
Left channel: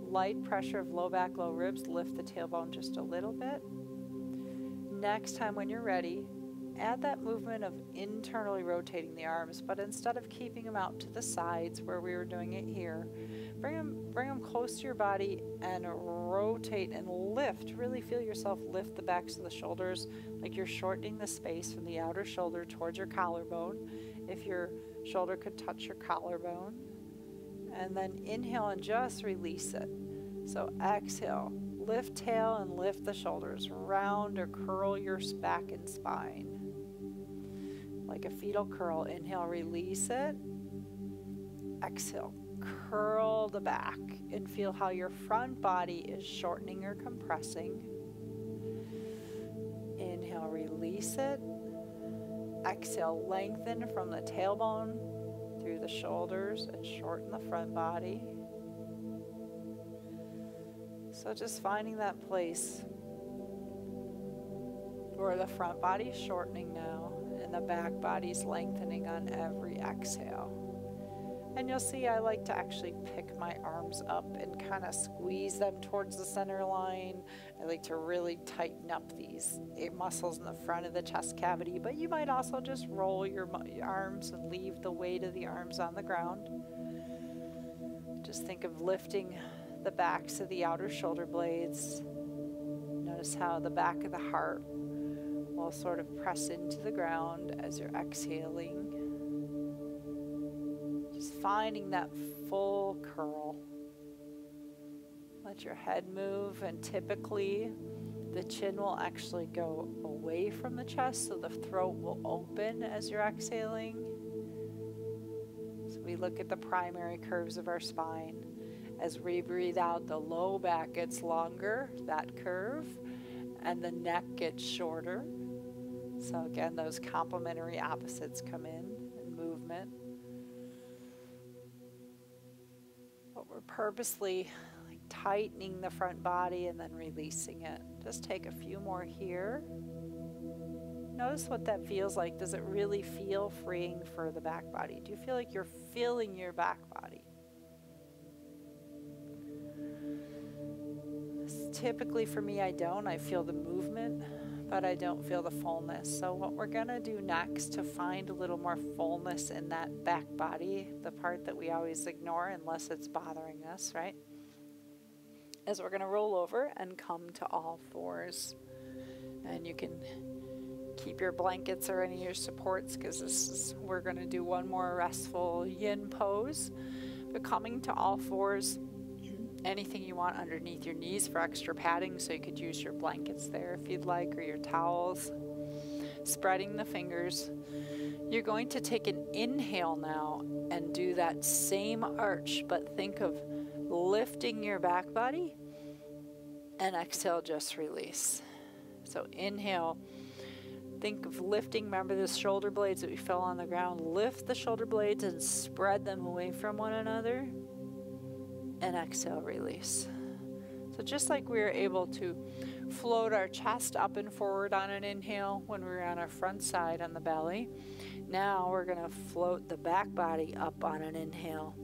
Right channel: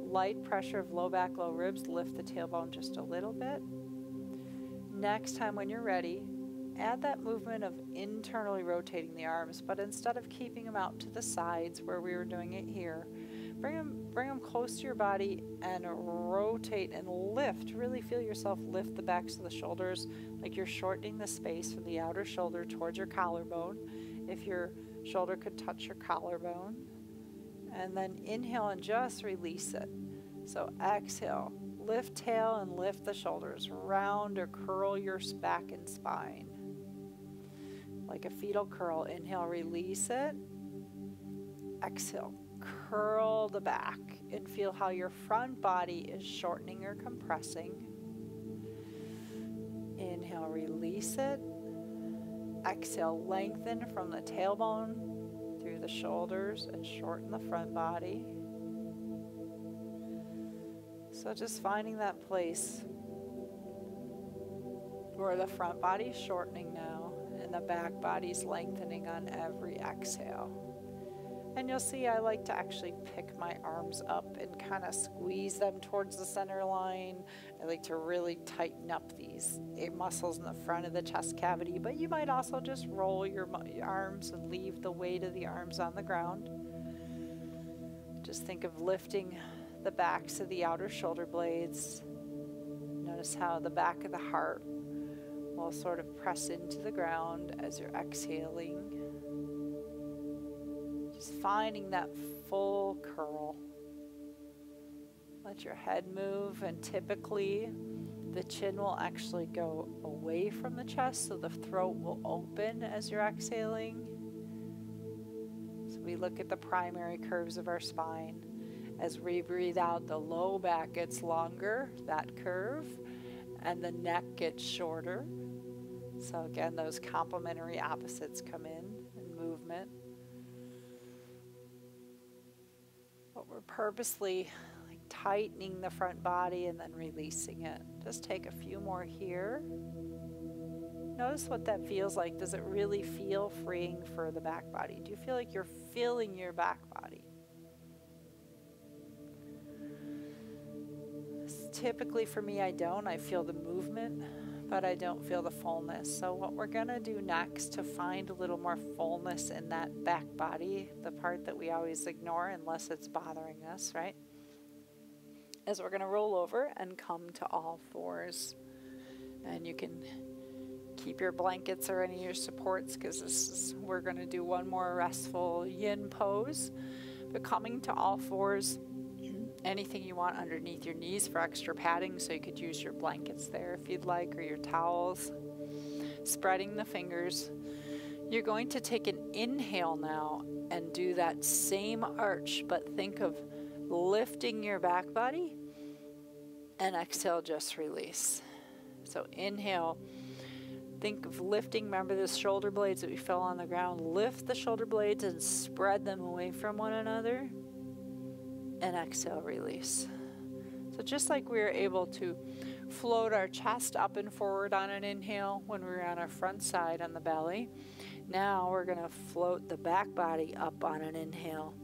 light pressure of low back, low ribs, lift the tailbone just a little bit. Next time when you're ready, add that movement of internally rotating the arms, but instead of keeping them out to the sides where we were doing it here, bring them close to your body and rotate and lift. Really feel yourself lift the backs of the shoulders like you're shortening the space from the outer shoulder towards your collarbone. If your shoulder could touch your collarbone. And then inhale and just release it. So exhale, lift tail and lift the shoulders. Round or curl your back and spine. Like a fetal curl. Inhale, release it. Exhale, curl the back and feel how your front body is shortening or compressing. Inhale, release it. Exhale, lengthen from the tailbone through the shoulders and shorten the front body. So just finding that place where the front body's shortening now and the back body's lengthening on every exhale. And you'll see I like to actually pick my arms up and kind of squeeze them towards the center line. I like to really tighten up these muscles in the front of the chest cavity, but you might also just roll your arms and leave the weight of the arms on the ground. Just think of lifting the backs of the outer shoulder blades. Notice how the back of the heart will sort of press into the ground as you're exhaling. Just finding that full curl. Let your head move, and typically the chin will actually go away from the chest, so the throat will open as you're exhaling. So we look at the primary curves of our spine. As we breathe out, the low back gets longer, that curve, and the neck gets shorter. So again, those complementary opposites come in movement. But we're purposely tightening the front body and then releasing it. Just take a few more here. Notice what that feels like. Does it really feel freeing for the back body? Do you feel like you're feeling your back body? Typically for me, I don't. I feel the movement, but I don't feel the fullness. So what we're going to do next to find a little more fullness in that back body, the part that we always ignore unless it's bothering us, right? Is we're going to roll over and come to all fours. And you can keep your blankets or any of your supports, because we're going to do one more restful yin pose. But coming to all fours, anything you want underneath your knees for extra padding, so you could use your blankets there if you'd like, or your towels. Spreading the fingers. You're going to take an inhale now and do that same arch, but think of lifting your back body, and exhale, just release. So inhale, think of lifting. Remember the shoulder blades that we fell on the ground. Lift the shoulder blades and spread them away from one another. And exhale, release. So just like we were able to float our chest up and forward on an inhale when we were on our front side on the belly, now we're going to float the back body up on an inhale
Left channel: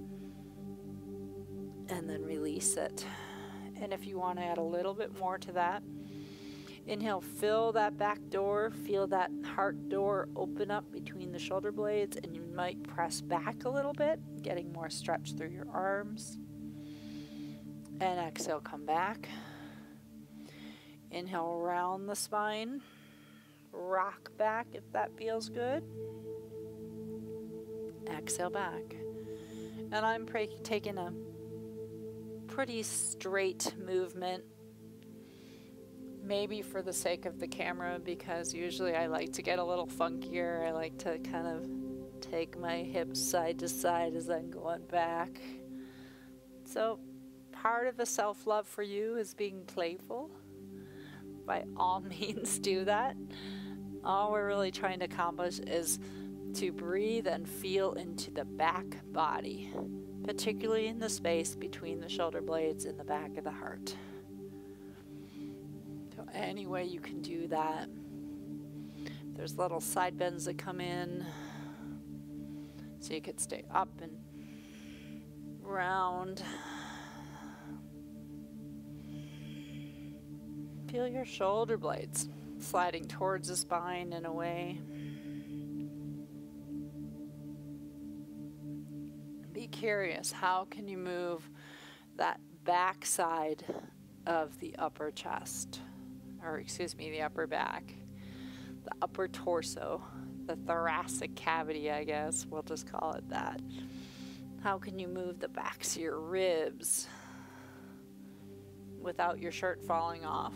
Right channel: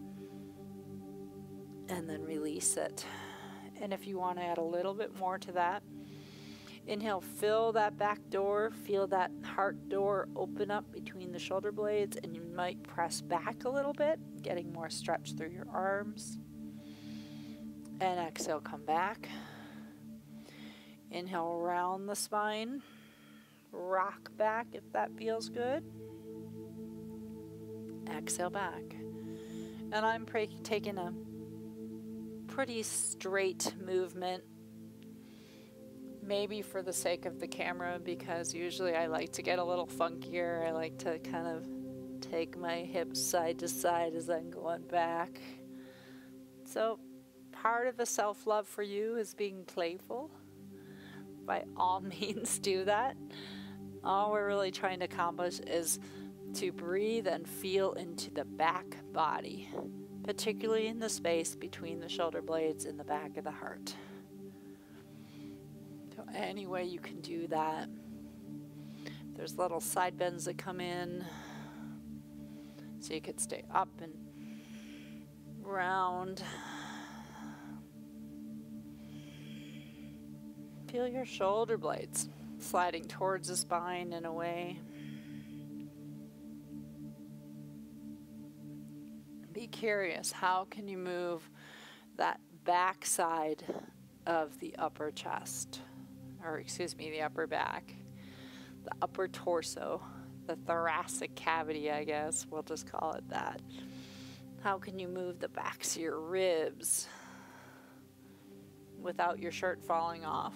and then release it. And if you want to add a little bit more to that, inhale, fill that back door, feel that heart door open up between the shoulder blades, and you might press back a little bit, getting more stretch through your arms. And exhale, come back. Inhale, round the spine. Rock back if that feels good. Exhale, back. And I'm taking a pretty straight movement, maybe for the sake of the camera, because usually I like to get a little funkier. I like to kind of take my hips side to side as I'm going back. So part of the self-love for you is being playful. by all means do that. All we're really trying to accomplish is to breathe and feel into the back body, particularly in the space between the shoulder blades and the back of the heart. So any way you can do that. There's little side bends that come in, so you could stay up and round. Feel your shoulder blades sliding towards the spine and away. Be curious, how can you move that back side of the upper chest, or excuse me, the upper back, the upper torso, the thoracic cavity, I guess, we'll just call it that. How can you move the backs of your ribs without your shirt falling off?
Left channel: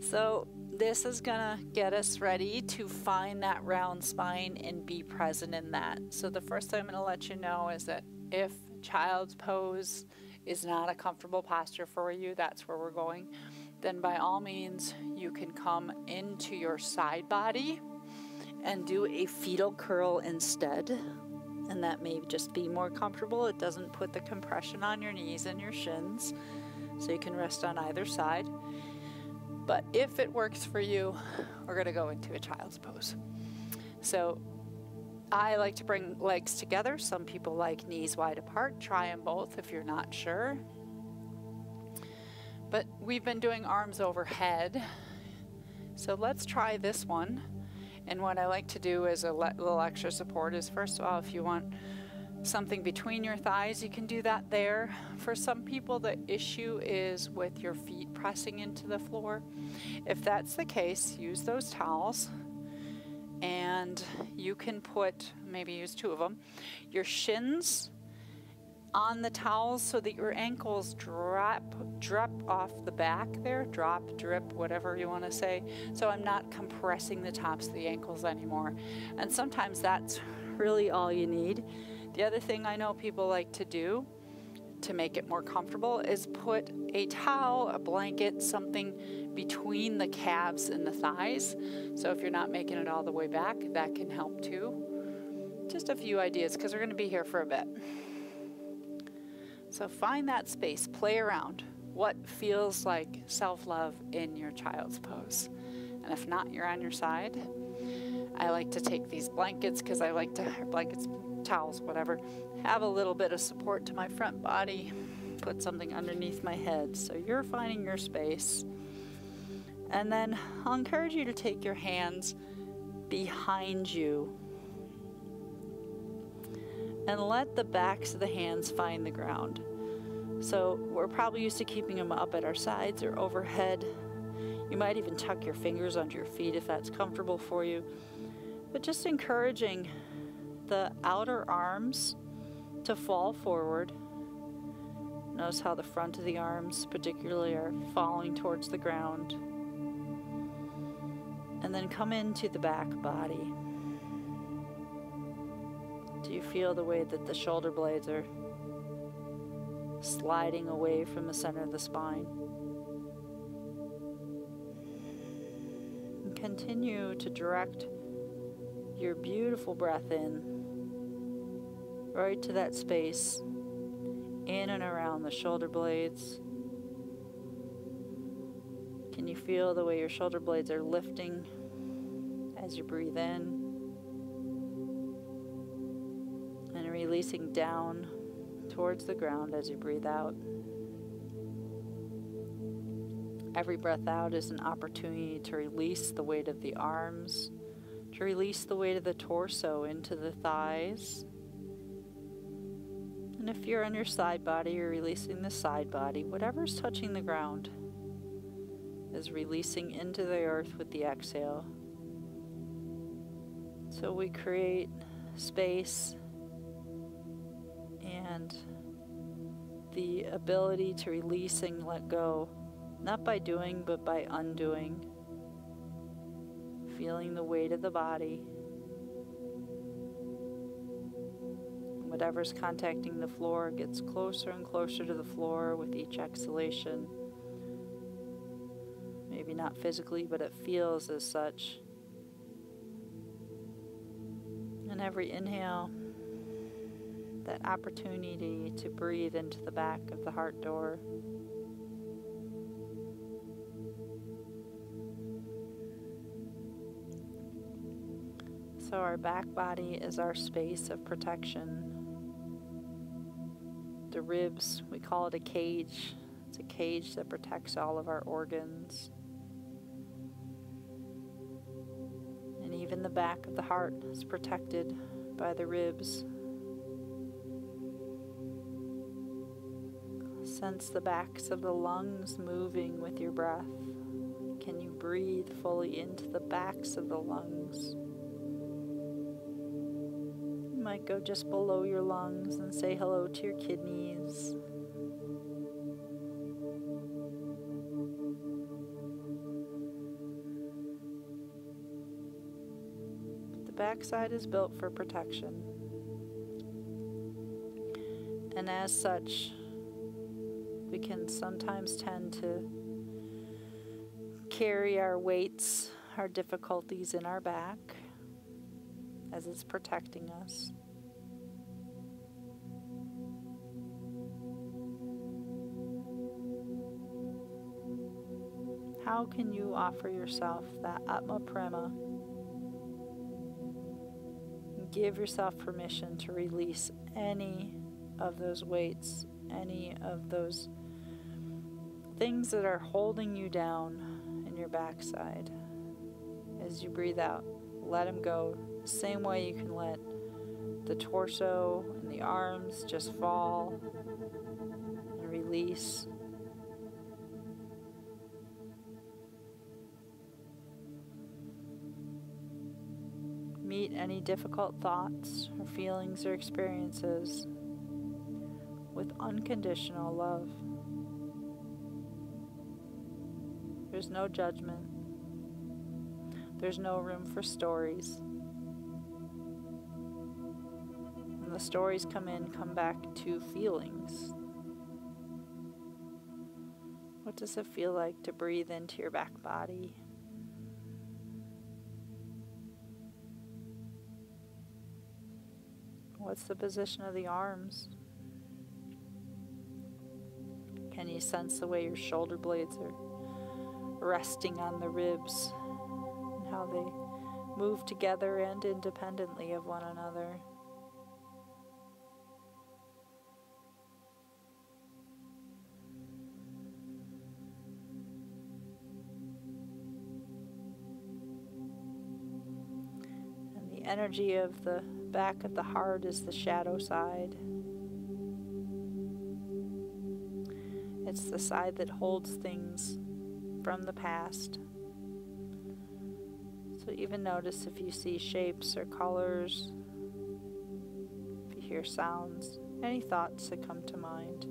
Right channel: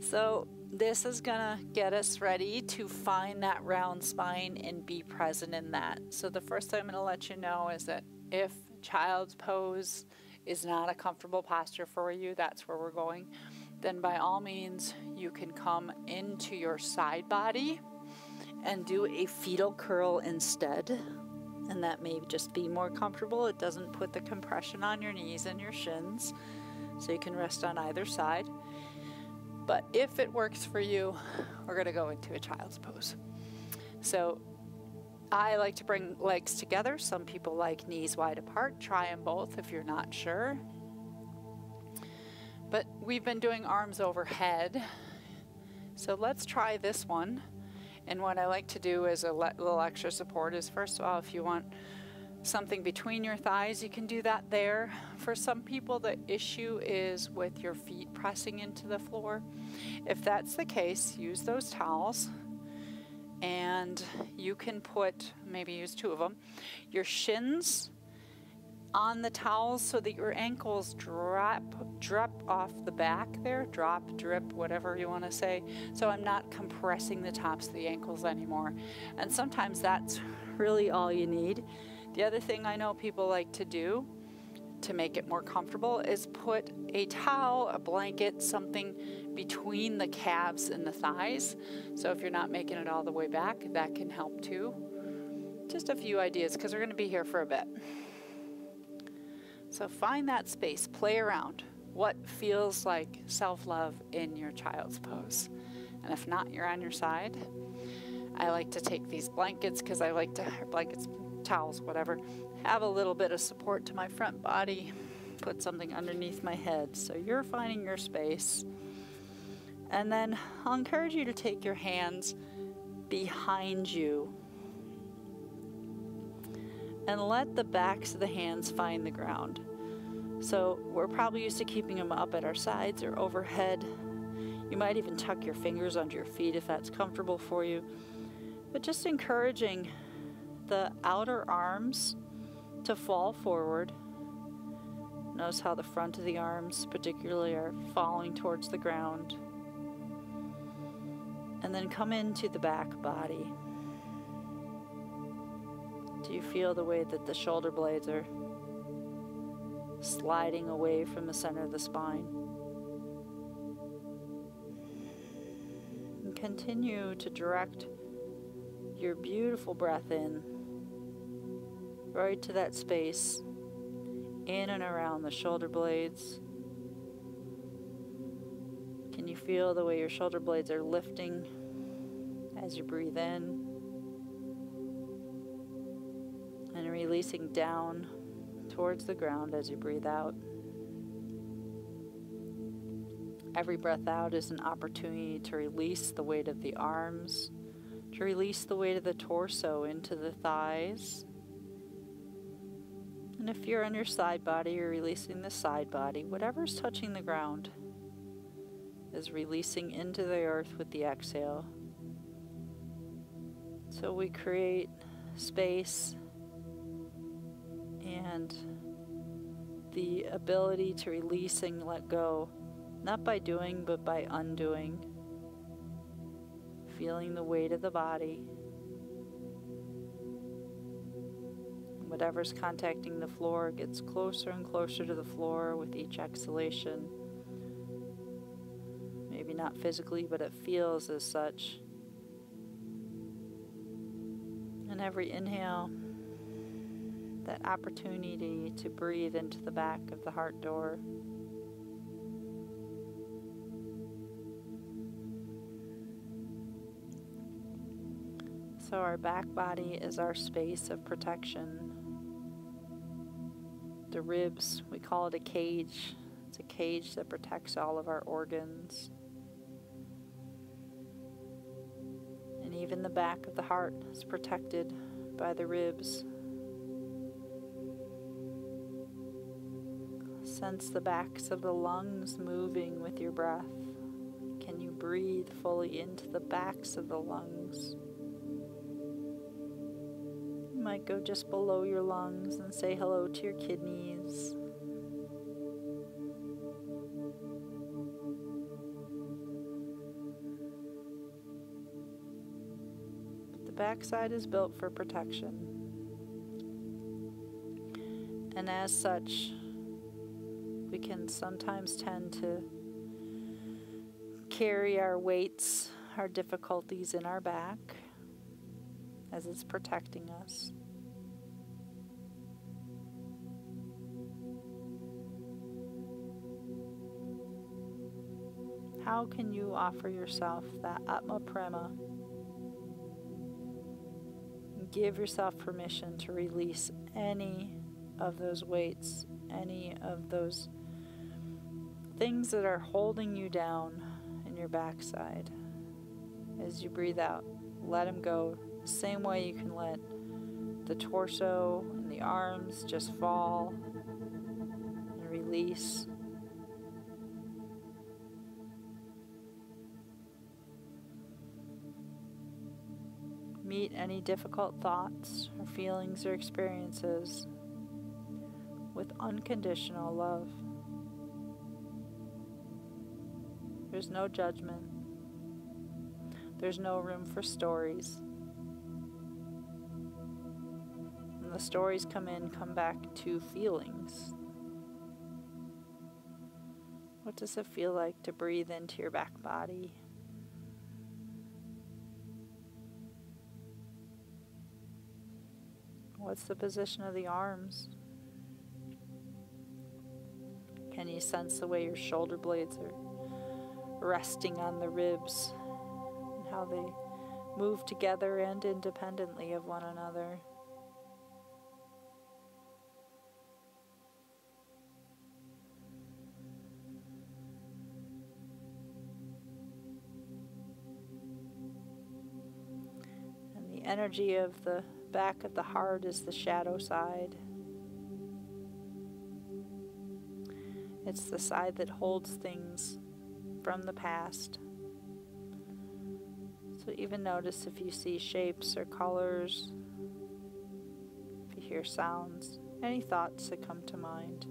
So this is gonna get us ready to find that round spine and be present in that. So the first thing I'm gonna let you know is that if child's pose is not a comfortable posture for you, that's where we're going, then by all means you can come into your side body and do a fetal curl instead. And that may just be more comfortable. It doesn't put the compression on your knees and your shins, so you can rest on either side. But if it works for you, we're going to go into a child's pose. So I like to bring legs together. Some people like knees wide apart. Try them both if you're not sure. But we've been doing arms overhead. So let's try this one. And what I like to do as a little extra support is, first of all, if you want something between your thighs, you can do that there. For some people, the issue is with your feet pressing into the floor. If that's the case, use those towels, and you can put, maybe use 2 of them, your shins on the towels so that your ankles drop off the back there, drop, drip, whatever you want to say. So I'm not compressing the tops of the ankles anymore. And sometimes that's really all you need. The other thing I know people like to do to make it more comfortable is put a towel, a blanket, something between the calves and the thighs. So if you're not making it all the way back, that can help too. Just a few ideas because we're going to be here for a bit. So find that space, play around. What feels like self-love in your child's pose? And if not, you're on your side. I like to take these blankets because I like to, blankets, towels, whatever, have a little bit of support to my front body, put something underneath my head. So you're finding your space. And then I'll encourage you to take your hands behind you and let the backs of the hands find the ground. So we're probably used to keeping them up at our sides or overhead. You might even tuck your fingers under your feet if that's comfortable for you. But just encouraging the outer arms to fall forward. Notice how the front of the arms particularly are falling towards the ground. And then come into the back body. Do you feel the way that the shoulder blades are sliding away from the center of the spine? And continue to direct your beautiful breath in, right to that space, in and around the shoulder blades. Can you feel the way your shoulder blades are lifting as you breathe in? And releasing down towards the ground as you breathe out. Every breath out is an opportunity to release the weight of the arms, to release the weight of the torso into the thighs. And if you're on your side body, you're releasing the side body. Whatever's touching the ground is releasing into the earth with the exhale. So we create space and the ability to release and let go, not by doing, but by undoing. Feeling the weight of the body. Whatever's contacting the floor gets closer and closer to the floor with each exhalation. Maybe not physically, but it feels as such. And every inhale, that opportunity to breathe into the back of the heart door. So our back body is our space of protection. The ribs, we call it a cage. It's a cage that protects all of our organs. And even the back of the heart is protected by the ribs. Sense the backs of the lungs moving with your breath. Can you breathe fully into the backs of the lungs? You might go just below your lungs and say hello to your kidneys. But the backside is built for protection. And as such, we can sometimes tend to carry our weights, our difficulties in our back as it's protecting us. How can you offer yourself that Atma Prema? Give yourself permission to release any of those weights, any of those things that are holding you down in your backside. As you breathe out, let them go. The same way you can let the torso and the arms just fall and release. Meet any difficult thoughts or feelings or experiences with unconditional love. There's no judgment. There's no room for stories. When the stories come back to feelings. What does it feel like to breathe into your back body? What's the position of the arms? Can you sense the way your shoulder blades are resting on the ribs and how they move together and independently of one another? And the energy of the back of the heart is the shadow side. It's the side that holds things from the past. So even notice if you see shapes or colors, if you hear sounds, any thoughts that come to mind.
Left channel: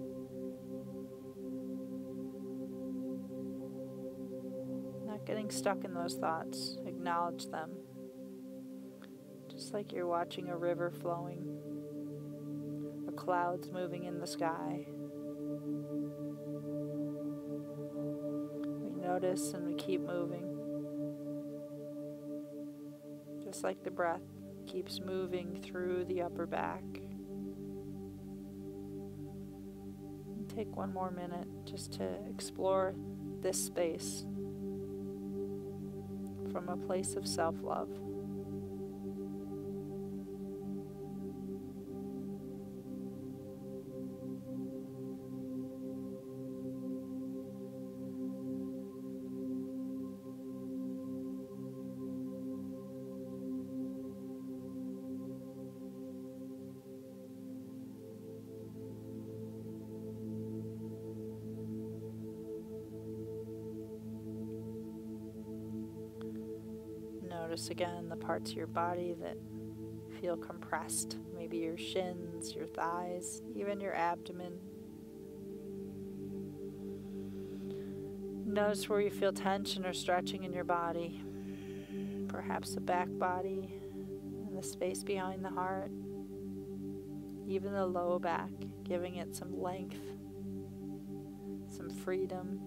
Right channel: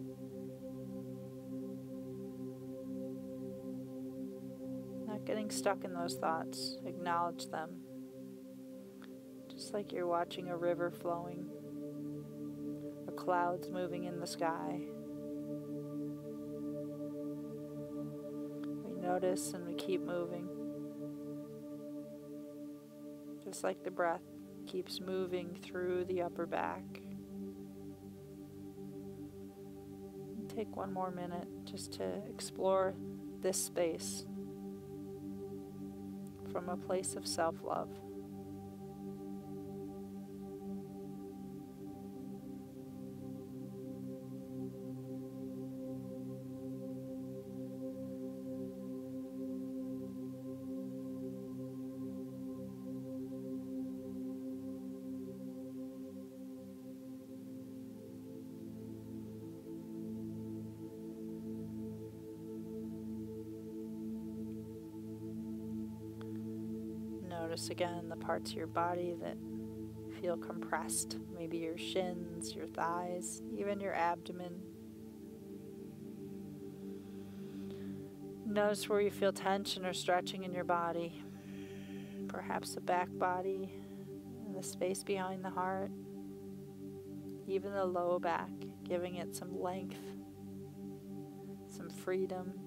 Not getting stuck in those thoughts, acknowledge them. Just like you're watching a river flowing, or clouds moving in the sky. We notice and we keep moving. Just like the breath keeps moving through the upper back. And take one more minute just to explore this space from a place of self-love. Notice again the parts of your body that feel compressed. Maybe your shins, your thighs, even your abdomen. Notice where you feel tension or stretching in your body. Perhaps the back body, and the space behind the heart. Even the low back, giving it some length, some freedom.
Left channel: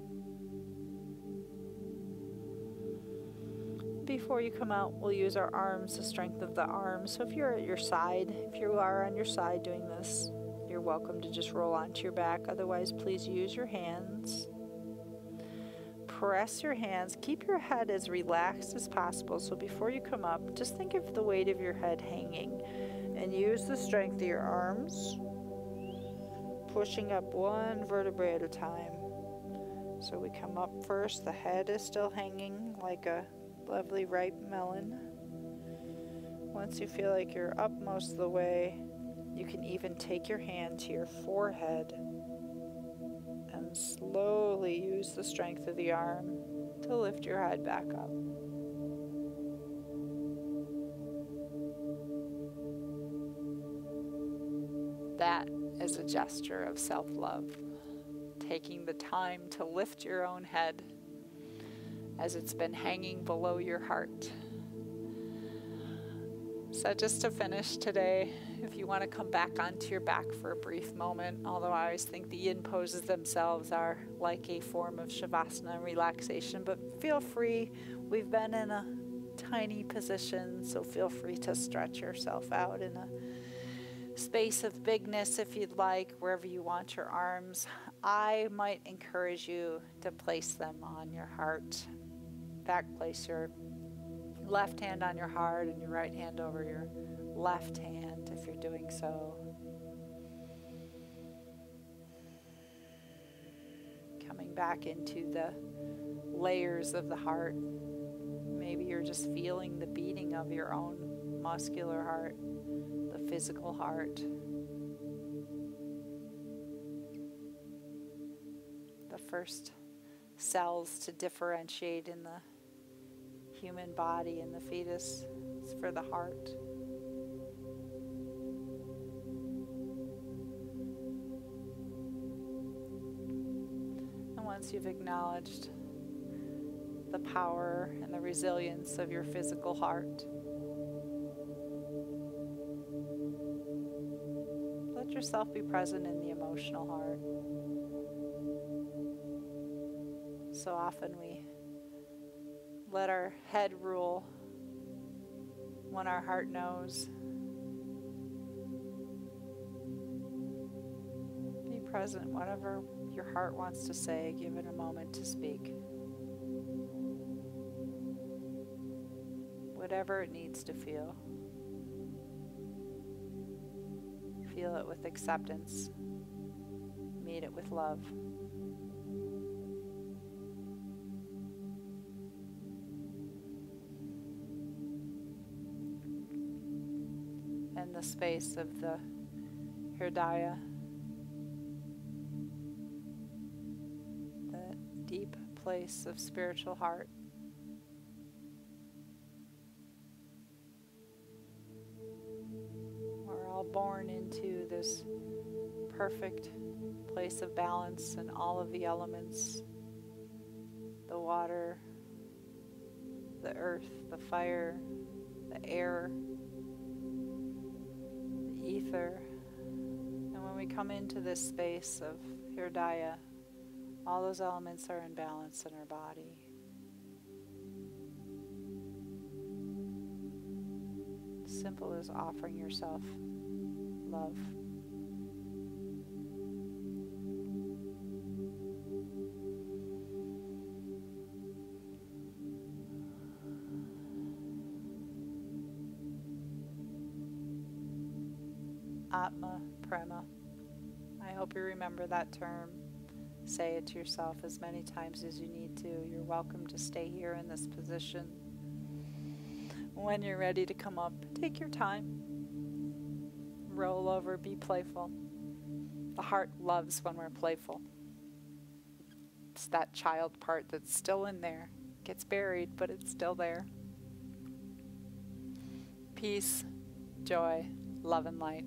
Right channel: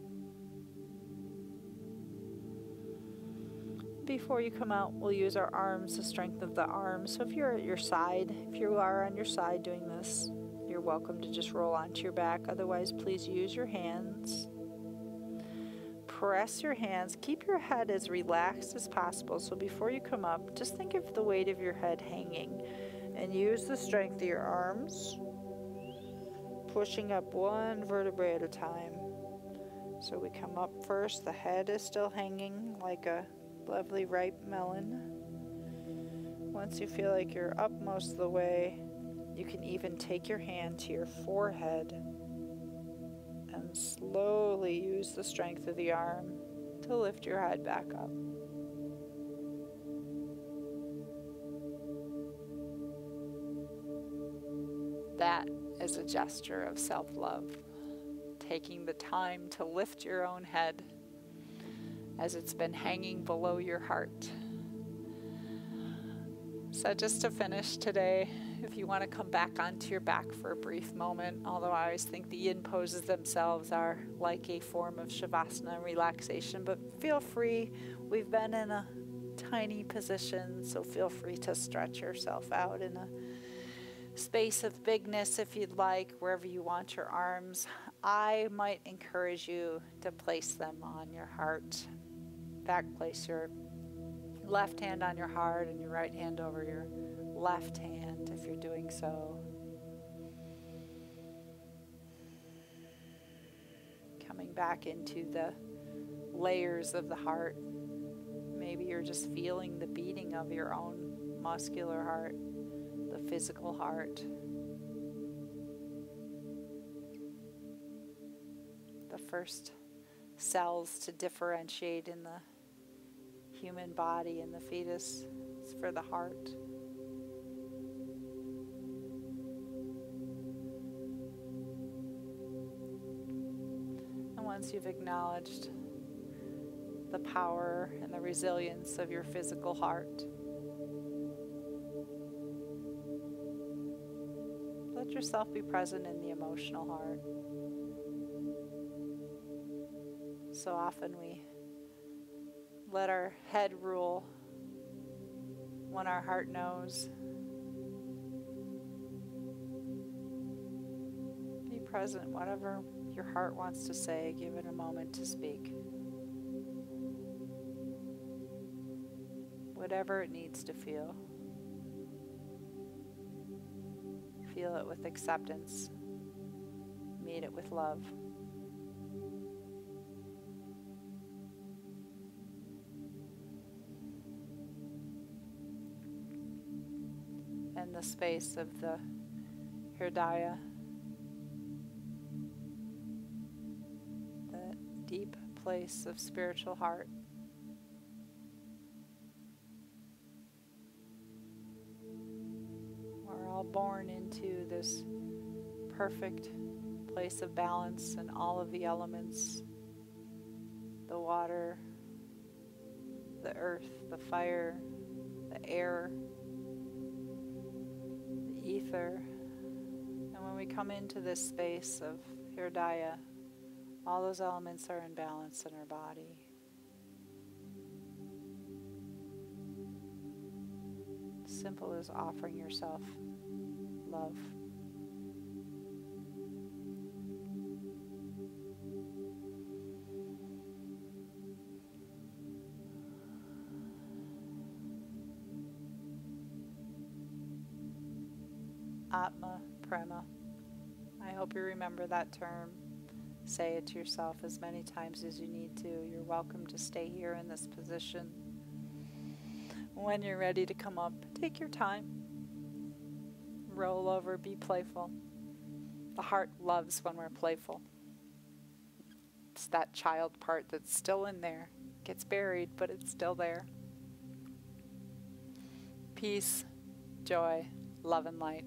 Before you come out, we'll use our arms, the strength of the arms. So if you're at your side, if you are on your side doing this, you're welcome to just roll onto your back. Otherwise, please use your hands. Press your hands. Keep your head as relaxed as possible. So before you come up, just think of the weight of your head hanging and use the strength of your arms, pushing up one vertebrae at a time. So we come up first. The head is still hanging like a lovely ripe melon. Once you feel like you're up most of the way, you can even take your hand to your forehead and slowly use the strength of the arm to lift your head back up. That is a gesture of self-love, taking the time to lift your own head as it's been hanging below your heart. So just to finish today, if you want to come back onto your back for a brief moment, although I always think the yin poses themselves are like a form of shavasana and relaxation, but feel free. We've been in a tiny position, so feel free to stretch yourself out in a space of bigness if you'd like, wherever you want your arms. I might encourage you to place them on your heart. In fact, place your left hand on your heart and your right hand over your left hand if you're doing so. Coming back into the layers of the heart. Maybe you're just feeling the beating of your own muscular heart, the physical heart. The first cells to differentiate in the human body and the fetus is for the heart. And once you've acknowledged the power and the resilience of your physical heart, let yourself be present in the emotional heart. So often we let our head rule when our heart knows. Be present, whatever your heart wants to say, give it a moment to speak. Whatever it needs to feel. Feel it with acceptance. Meet it with love. In the space of the Hridaya, that deep place of spiritual heart. We're all born into this perfect place of balance in all of the elements, the water, the earth, the fire, the air, ether. And when we come into this space of Hridaya, all those elements are in balance in our body. Simple as offering yourself love. Atma Prema. I hope you remember that term. Say it to yourself as many times as you need to. You're welcome to stay here in this position. When you're ready to come up, take your time. Roll over, be playful. The heart loves when we're playful. It's that child part that's still in there. Gets buried, but it's still there. Peace, joy, love, and light.